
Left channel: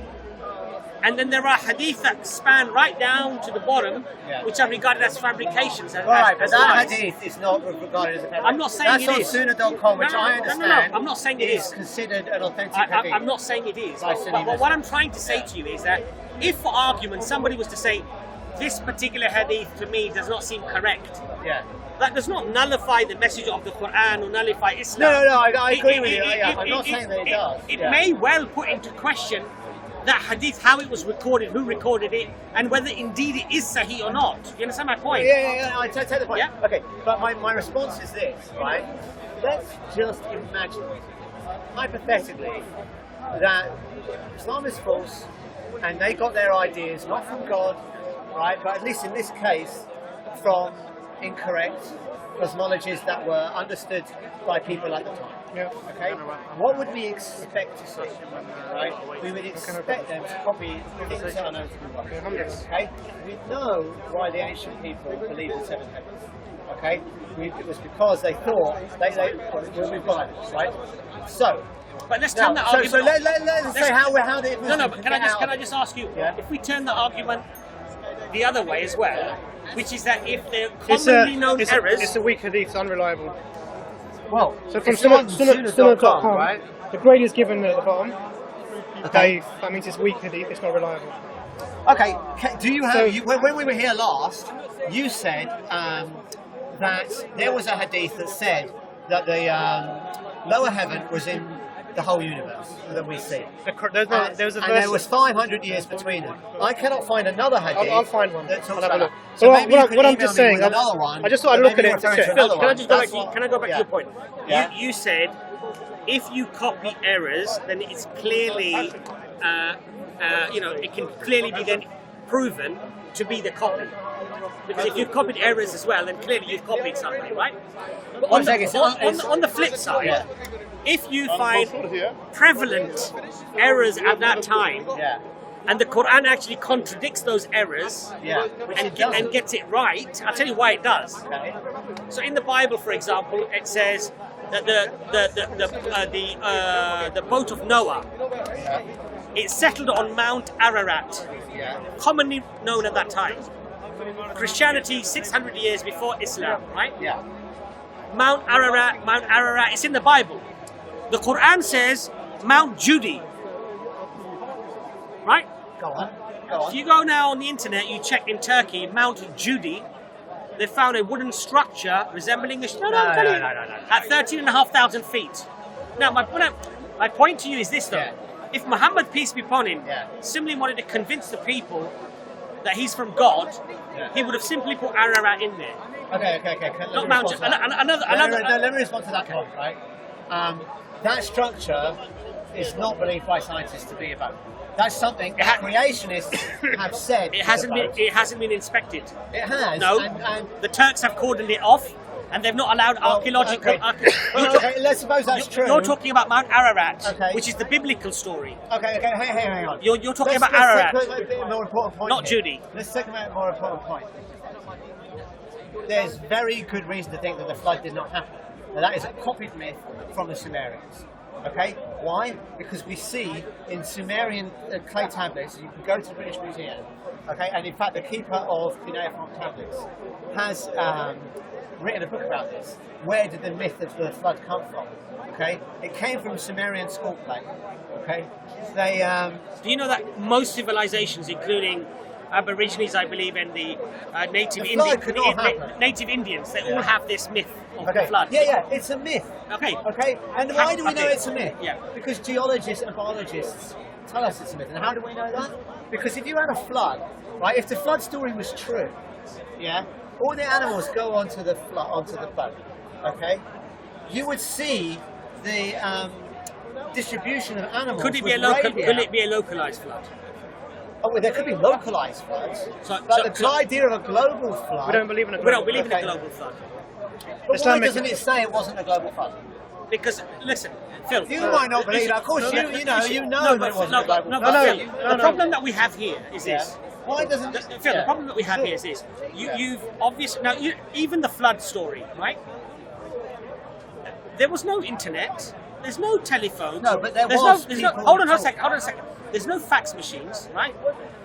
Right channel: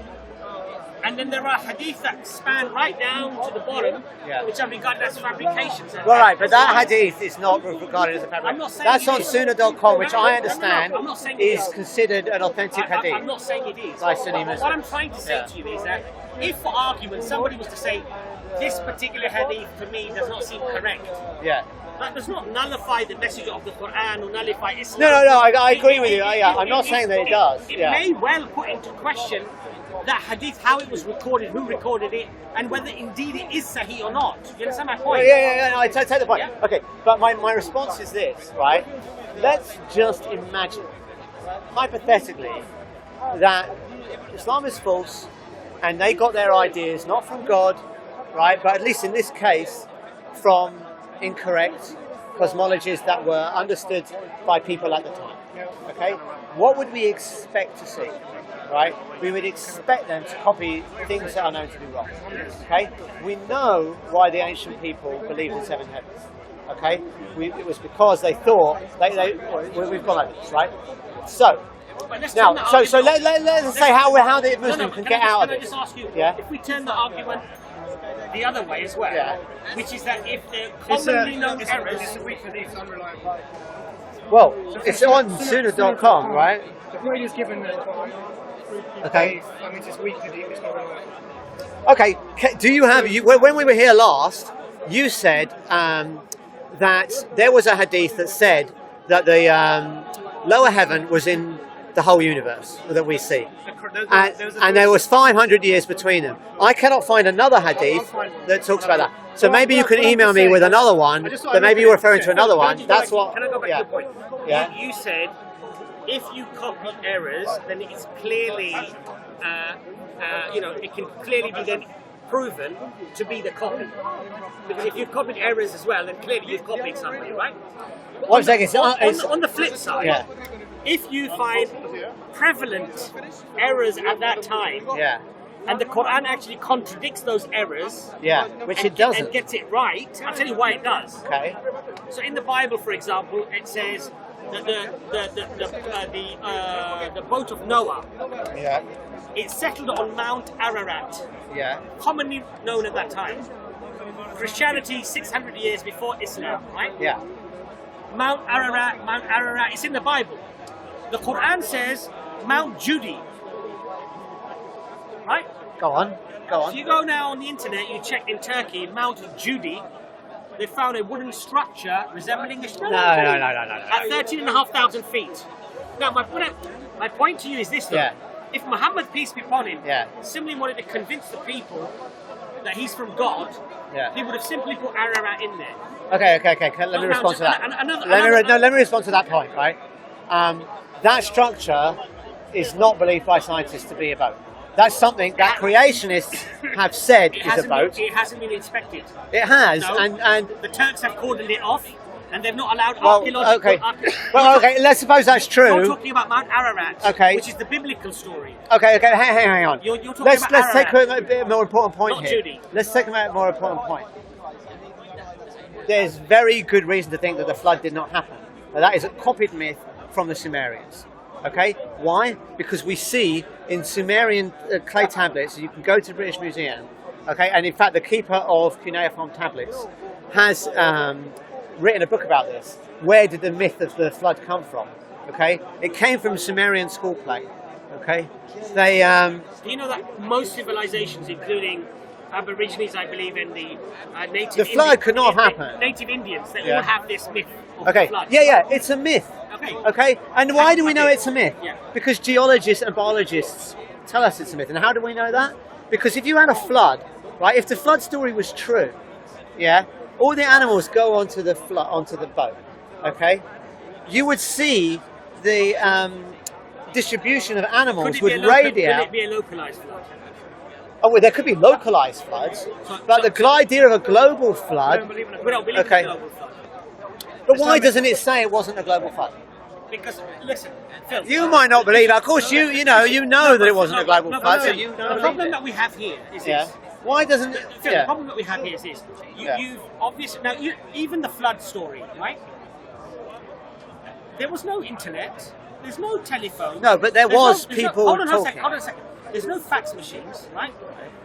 And then there are hadith that span right down to the bottom, which are regarded as fabrications. Right, but that hadith is not regarded as a fabrication. I'm not saying that's it is. That's on sunnah.com, which I understand I'm not saying it is considered an authentic hadith. I'm not saying it is. By Sunni But what I'm trying to say to you is that if, for argument, somebody was to say, this particular hadith to me does not seem correct, that does not nullify the message of the Quran or nullify Islam. No, I agree with you. I'm not saying that it does. It may well put into question that hadith, how it was recorded, who recorded it, and whether indeed it is Sahih or not. Do you understand my point? Yeah, I take the point. Yeah? Okay, but my response is this, right? Let's just imagine, hypothetically, that Islam is false, and they got their ideas not from God, right, but at least in this case, from incorrect cosmologies that were understood by people at the time. Okay? What would we expect to see? Right? We would expect them to copy things that are known to be wrong. Yes. Okay? We know why the ancient people believed in 7 heavens. Okay? It was because they thought we've gone over this, right? So, but let's turn that argument. So let's say how the Muslim can get out. Can I just ask you? If we turn the argument the other way as well, which is that if they're commonly known errors, it's a weak hadith, it's unreliable. Well, so it's on sunnah.com, right? The grade is given at the bottom. Okay. That means it's weak hadith, it's not reliable. Okay. Do you have when we were here last? You said that there was a hadith that said that the lower heaven was in the whole universe that we see, and there was 500 years between them. I cannot find another hadith that talks about that. So maybe you can email me with another one, but maybe you're referring to another one. Can I go back to your point? Yeah. You said if you copy errors, then it's clearly, it can clearly be then proven to be the copy. Because if you've copied errors as well, then clearly you've copied somebody, right? But on the flip side, if you find prevalent errors at that time, and the Quran actually contradicts those errors, which it doesn't, and gets it right, I'll tell you why it does. Okay. So in the Bible, for example, it says that the boat of Noah, it settled on Mount Ararat, commonly known at that time. Christianity 600 years before Islam, right? Yeah. Mount Ararat, it's in the Bible. The Quran says Mount Judy, right? Go on. If you go now on the internet, you check in Turkey, Mount Judy, they found a wooden structure resembling a... No. At 13,500 feet. Now, my point to you is this, though. If Muhammad, peace be upon him, simply wanted to convince the people that he's from God, he would have simply put Ararat in there. Okay. Let me respond to that. Let me respond to that point, right? That structure is not believed by scientists to be a boat. That's something that creationists have said is a boat. It hasn't been inspected. It has, no, and the Turks have cordoned it off, and they've not allowed archaeological... Okay, let's suppose that's true. You're talking about Mount Ararat, okay, which is the biblical story. Okay, hang on. You're talking about Ararat. Let's take a bit more important point not here. Judy. Let's take a more important point. There's very good reason to think that the flood did not happen. Now, that is a copied myth from the Sumerians. Okay, why? Because we see in Sumerian clay tablets, you can go to the British Museum, okay, and in fact the keeper of cuneiform tablets has written a book about this. Where did the myth of the flood come from? Okay, it came from Sumerian school play. Okay, they. Do you know that most civilizations, including Aborigines, I believe, and the native The flood could not happen. Native Indians, they Yeah. all have this myth of Okay, the flood. yeah, it's a myth. Okay. Okay, and why do we know Okay. it's a myth? Yeah. Because geologists and biologists tell us it's a myth. And how do we know that? Because if you had a flood, right? If the flood story was true, yeah, all the animals go onto the boat. Okay, you would see the distribution of animals Could it with be a local, radius. will it be a localized flood? Oh, well, there could be localized floods, So- but so- the idea of a global I flood. don't believe in it. We don't believe Okay. in a global flood. But why doesn't it say it wasn't a global flood? Because, listen, Phil. You might not believe it. Of course, you know No, that it but- wasn't no, a global no, flood. but so Phil, you don't the believe problem it. that we have here is Yeah. this. Why doesn't it? Phil, yeah. the problem that we have here is this. Yeah. You've obviously now even the flood story, right? There was no internet. There's no telephone. No, but there there's was there's people hold on a talking. second. Hold on a second. There's no fax machines, right?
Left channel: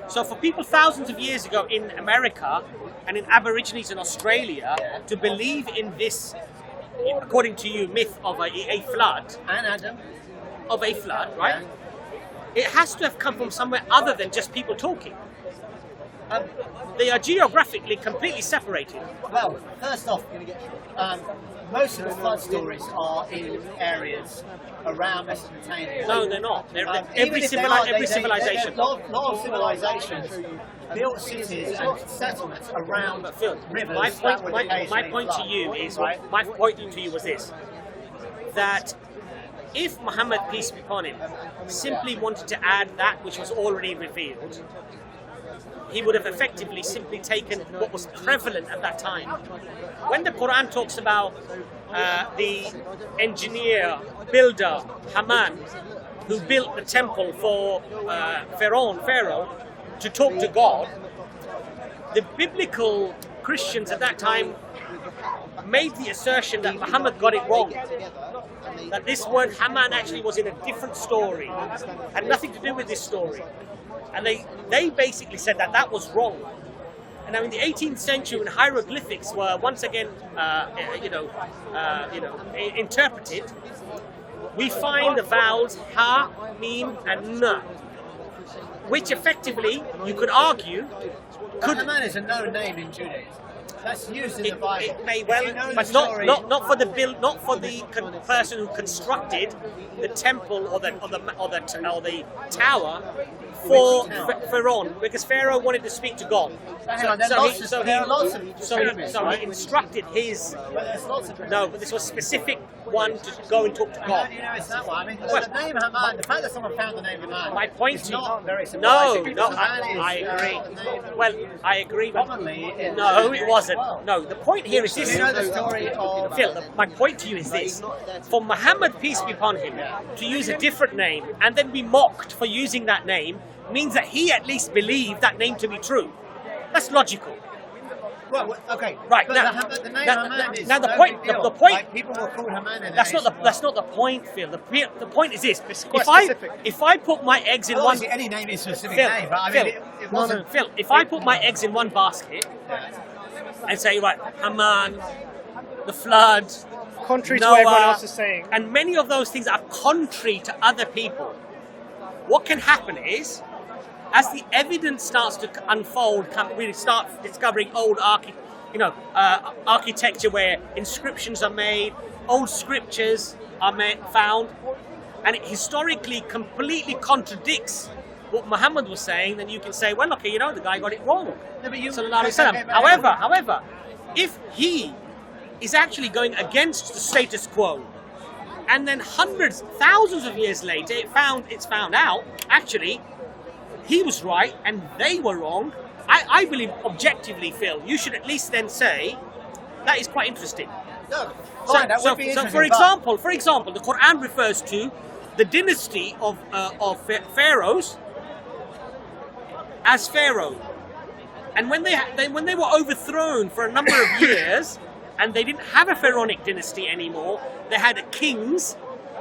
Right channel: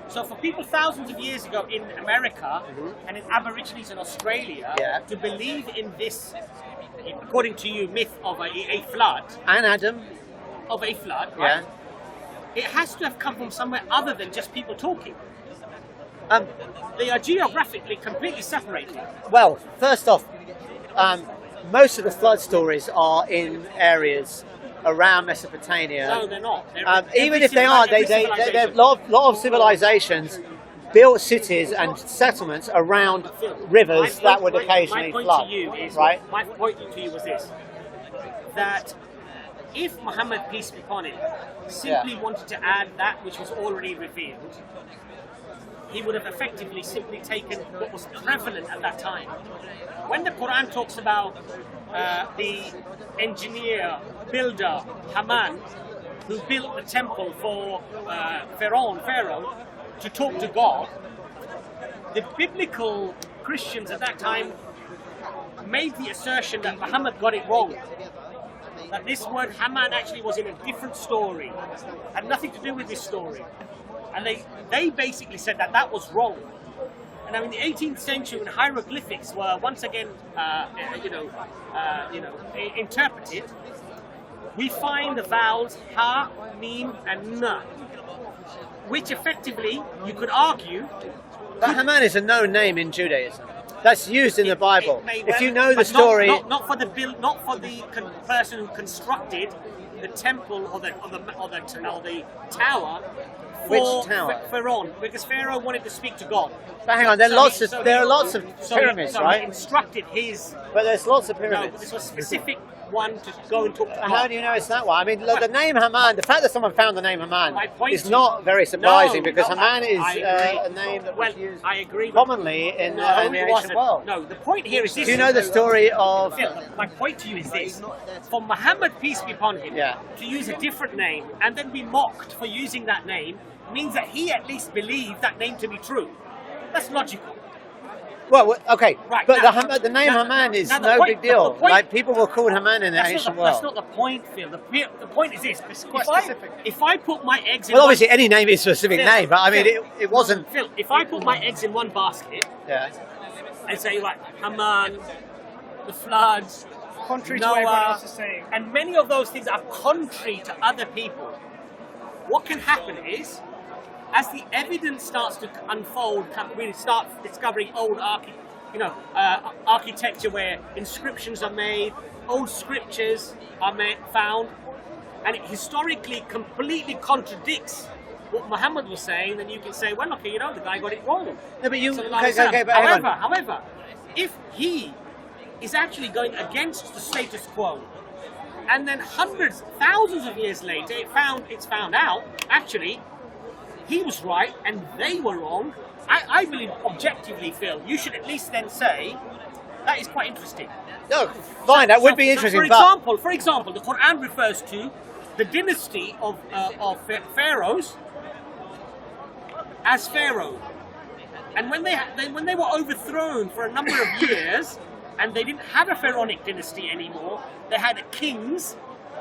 So for people thousands of years ago in America and in Aborigines in Australia Yeah. to believe in this, according to you, myth of a flood, And Adam. right? It has to have come from somewhere other than just people talking. Um, They are geographically completely separated. well, first off, most of the flood stories are in areas around Mesopotamia. No, they're not. Even if they are, civilization. lot of civilizations built cities and settlements around But Phil, rivers that would my occasionally point flood. to you is right? my point to you was this: that if Muhammad, peace be upon him, simply wanted to add that which was already revealed, he would have effectively simply taken what was prevalent at that time. When the Quran talks about the engineer, builder, Haman, who built the temple for Pharaoh, to talk to God, the biblical Christians at that time made the assertion that Muhammad got it wrong. That this word Haman actually was in a different story, had nothing to do with this story. And they basically said that that was wrong. And now in the 18th century, when hieroglyphics were once again, interpreted, we find the vowels ha, mim, and na, which effectively you could argue. But Haman is a known name in Judaism. That's used in the Bible. It may well, if you know the but story, not for the person who constructed the temple or the tower for Which tower? Pharaoh, because Pharaoh wanted to speak to God. but hang on, there are lots of pyramids, so right? he instructed his. But there's lots of pyramids. No, but this was a specific one to go and talk to And how God. do you know it's that one? I mean, Well, the name Haman, the fact that someone found the name Haman My point is to- not very surprising because no, Haman is I agree. a name that Well, was used I agree. But commonly in the no, it ancient wasn't. world. No, the point here is this. Do you know the story of... Phil, my point to you is this. For Muhammad, peace be upon him, Yeah. to use a different name and then be mocked for using that name means that he at least believed that name to be true. That's logical. Well, okay, Right, but now- the name now- Haman is now the no point- big deal. the point- Like, people were called Haman in the ancient world. That's not the point, Phil. The point is this. If I put my eggs in Well, one... obviously, any name is a specific Phil, name, but I mean, Phil, it wasn't... Phil, if I put my eggs in one basket Yeah. and say, right, Haman, the flood, Contrary to what everyone Noah, else is saying. and many of those things are contrary to other people. What can happen is, as the evidence starts to unfold, we start discovering old architecture where inscriptions are made, old scriptures are found, and it historically completely contradicts what Muhammad was saying. Then you can say, well, okay, the guy got it wrong. No, but you... Sallallahu Alaihi Wasallam. okay, but hang on. However, if he is actually going against the status quo, and then hundreds, thousands of years later, it's found out actually he was right and they were wrong. I believe objectively, Phil, you should at least then say that is quite interesting. No, fine, that would be So interesting, for example, the Quran refers to the dynasty of pharaohs as Pharaoh. And when they were overthrown for a number of years, and they didn't have a pharaonic dynasty anymore, they had kings.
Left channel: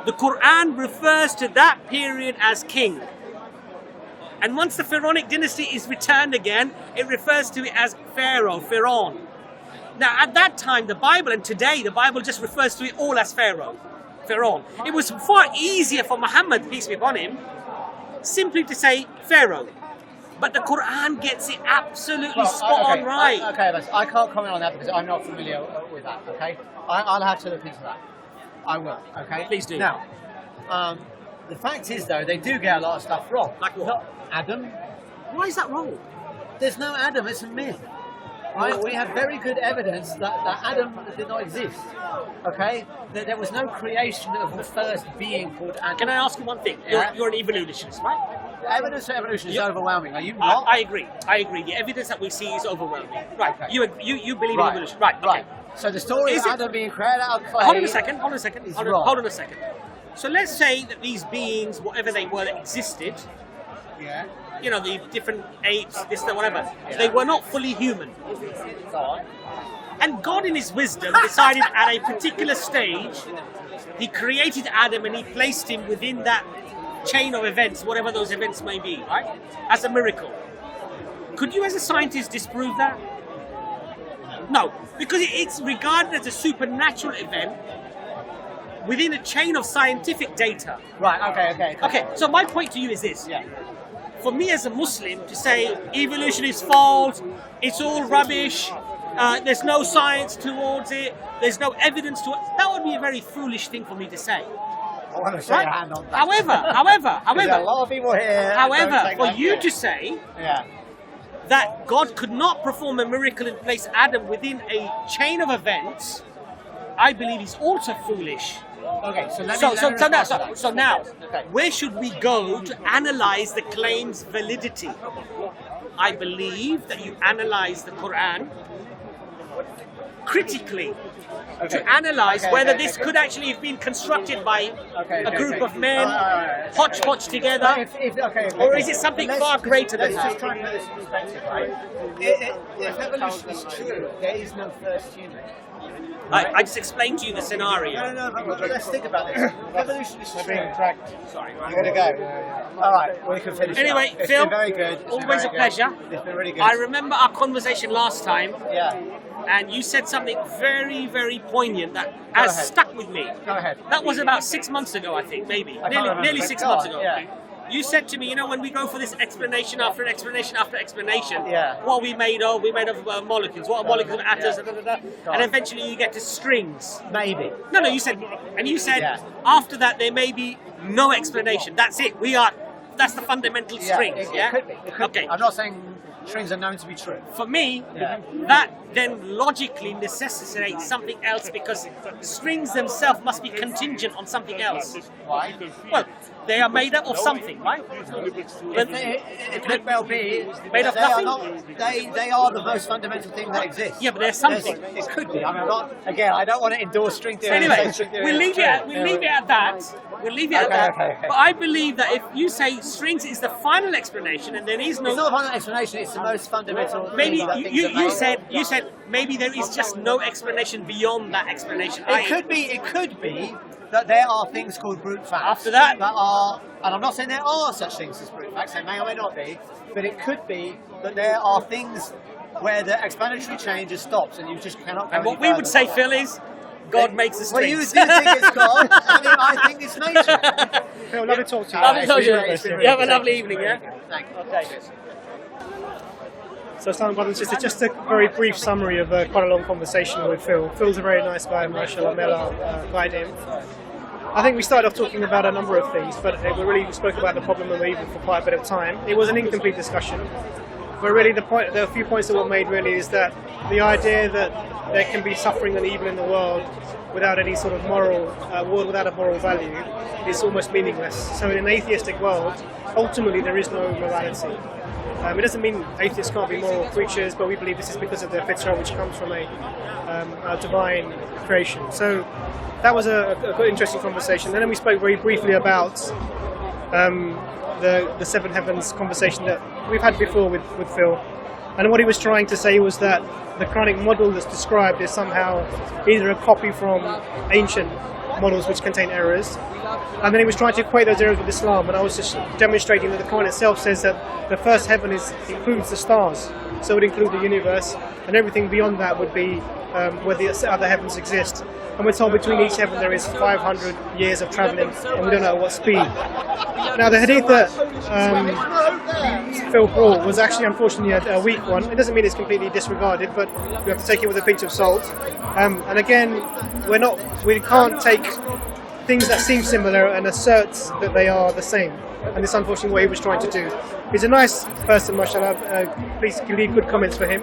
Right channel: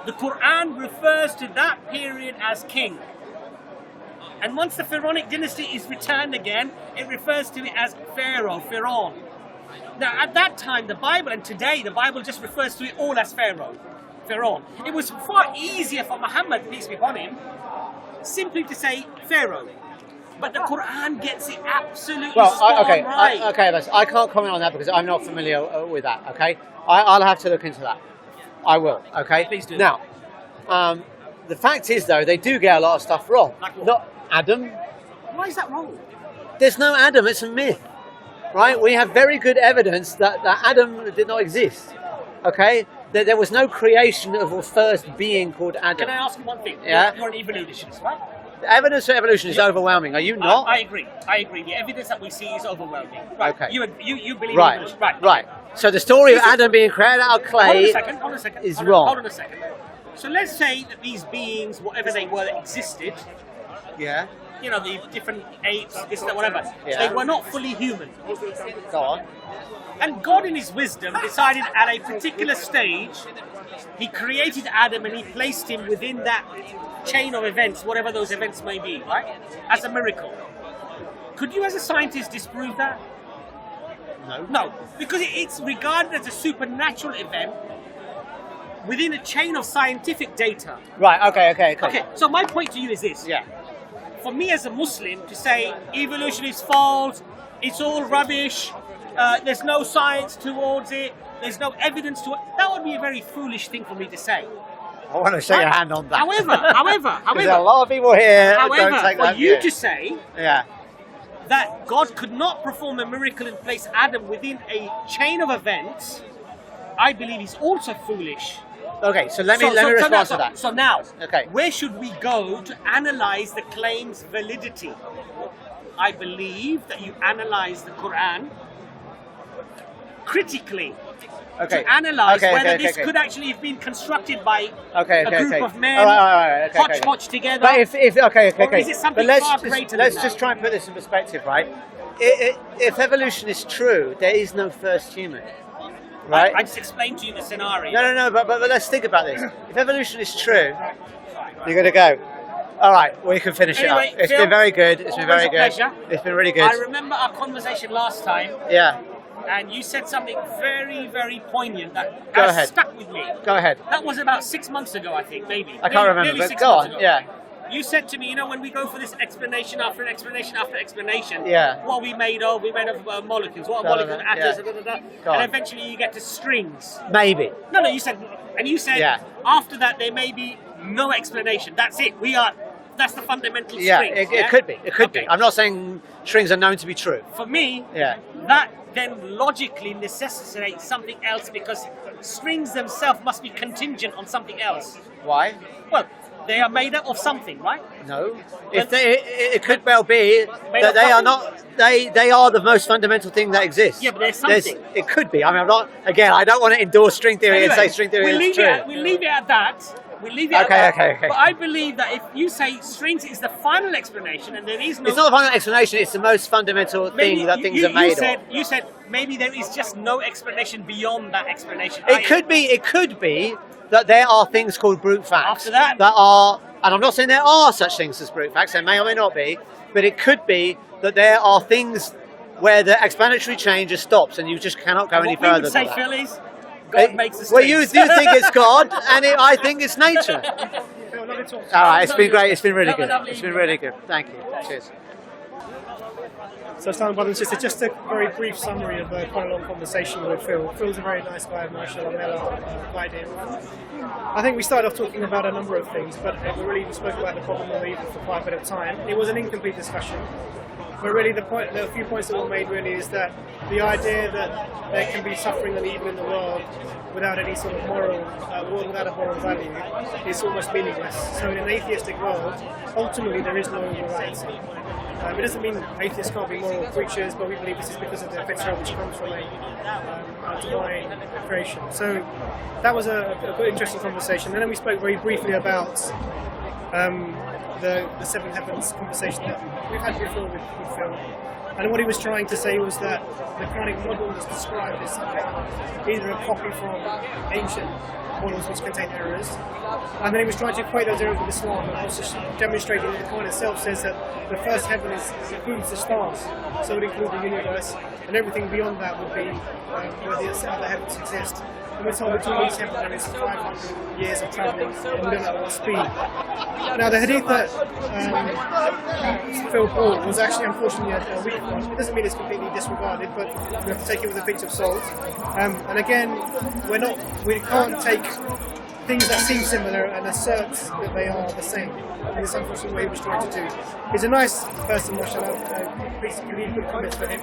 The Quran refers to that period as king. And once the pharaonic dynasty is returned again, it refers to it as Pharaoh. Now, at that time, the Bible, and today, the Bible just refers to it all as Pharaoh. Pharaoh. It was far easier for Muhammad, peace be upon him, simply to say Pharaoh. But the Quran gets it absolutely spot on right. I can't comment on that because I'm not familiar with that. Okay, I'll have to look into that. I will. Okay, please do. Now, the fact is though, they do get a lot of stuff wrong. Like what? Not Adam. Why is that wrong? There's no Adam. It's a myth, right? We have very good evidence that Adam did not exist. Okay, that there was no creation of a first being called Adam. Can I ask you one thing? Yeah. You're an evolutionist, right? The evidence for evolution is overwhelming. Are you not? I agree. The evidence that we see is overwhelming. Right. Okay. You believe in evolution. Right. Right. So the story of Adam being created out of clay. Hold on a second. Is wrong. Hold on a second. So let's say that these beings, whatever they were, that existed. Yeah. You know, the different apes, this, that, whatever. Yeah. So they were not fully human. Go on. And God, in His wisdom, decided at a particular stage, He created Adam and He placed him within that chain of events, whatever those events may be, right? As a miracle. Could you, as a scientist, disprove that? No. No, because it's regarded as a supernatural event within a chain of scientific data. Right. Okay. Okay. So my point to you is this. Yeah. For me as a Muslim to say evolution is false, it's all rubbish, there's no science towards it, there's no evidence to it, that would be a very foolish thing for me to say. I want to shake your hand on that. However, There's a lot of people here. for you to say yeah. that God could not perform a miracle and place Adam within a chain of events, I believe is also foolish. Okay, so let me respond to that. So now, okay. Where should we go to analyze the claim's validity? I believe that you analyze the Quran critically to analyze whether this could actually have been constructed by a group of men, hodgepodge together, or is it something far greater than that? Let's just try and put this in perspective, right? If evolution is true, there is no first human. Right? I just explained to you the scenario. No, but let's think about this. If evolution is true, Sorry, you're going to go. All right, we can finish anyway, it up. It's Phil, been very good. It's always been very a good. pleasure. It's been really good. I remember our conversation last time. Yeah. And you said something very, very poignant that Go has ahead. stuck with me. Go ahead. That was about 6 months ago, I think, maybe. I can't remember. Nearly but 6 go months on, ago. Yeah. You said to me, you know, when we go for this explanation after explanation after explanation, Yeah. what are we made of? We're made of molecules. What are molecules of atoms? Yeah. And on. eventually you get to strings. Maybe. No, you said, Yeah. after that there may be no explanation. That's it. That's the fundamental strings. It could be. It could Okay. be. I'm not saying strings are known to be true. For me, Yeah. that then logically necessitates something else because strings themselves must be contingent on something else. Why? Well, they are made up of something, right? No. It could well be Made that of they are nothing? not. They are the most fundamental thing that exists. Yeah, but there's something. It could be. I mean, I'm not. Again, I don't want to endorse string theory Anyway, and say string theory we'll is leave true. it at that. We'll leave it at that. Okay. But I believe that if you say strings is the final explanation and there is no... It's not the final explanation. It's the most fundamental maybe thing that things are made of. You said maybe there is just no explanation beyond that explanation. It could be that there are things called brute facts. After that? That are, and I'm not saying there are such things as brute facts, there may or may not be, but it could be that there are things where the explanatory chain just stops and you just cannot go any further. What we would say, than Phil, is God makes the Well, strings. you think it's God, and I think it's nature. Phil, let me talk to you. All right, it's been great. It's been really Have a good. lovely It's been evening, really yeah? good. Thank you. Cheers. So, Islam brothers and sisters, just a very brief summary of quite a long conversation with Phil. Phil's a very nice guy, mashallah, may Allah guide him. I think we started off talking about a number of things, but we spoke about the problem of evil for quite a bit of time. It was an incomplete discussion, but really the few points that were made really is that the idea that there can be suffering and evil in the world without any sort of world without a moral value is almost meaningless. So in an atheistic world, ultimately there is no morality. It doesn't mean atheists can't be moral creatures, but we believe this is because of their fitrah, which comes from a divine creation. So that was a good, interesting conversation. And then we spoke very briefly about the seven heavens conversation that we've had before with Phil. And what he was trying to say was that the Quranic model that's described is somehow either a copy from ancient models which contain errors, and then he was trying to equate those errors with Islam, and I was just demonstrating that the Quran itself says that the first heaven includes the stars, so it would include the universe, and everything beyond that would be where the other heavens exist. and we're told between each heaven there is 500 years of travelling, and we don't know at what speed. Now, the hadith that Phil brought was actually unfortunately a weak one. It doesn't mean it's completely disregarded, but we have to take it with a pinch of salt. And again, we can't take things that seem similar and assert that they are the same. And this unfortunately what he was trying to do. He's a nice person, mashallah. Please leave good comments for him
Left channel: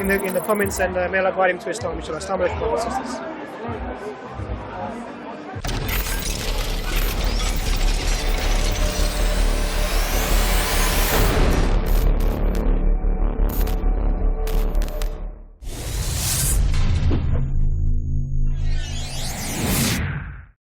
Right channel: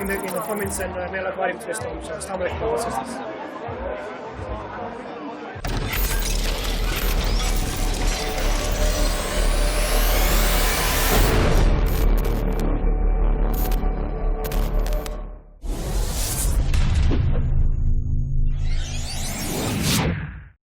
in the comments, and may Allah guide him to Islam, inshallah. Assalamu alaikum, brothers and sisters.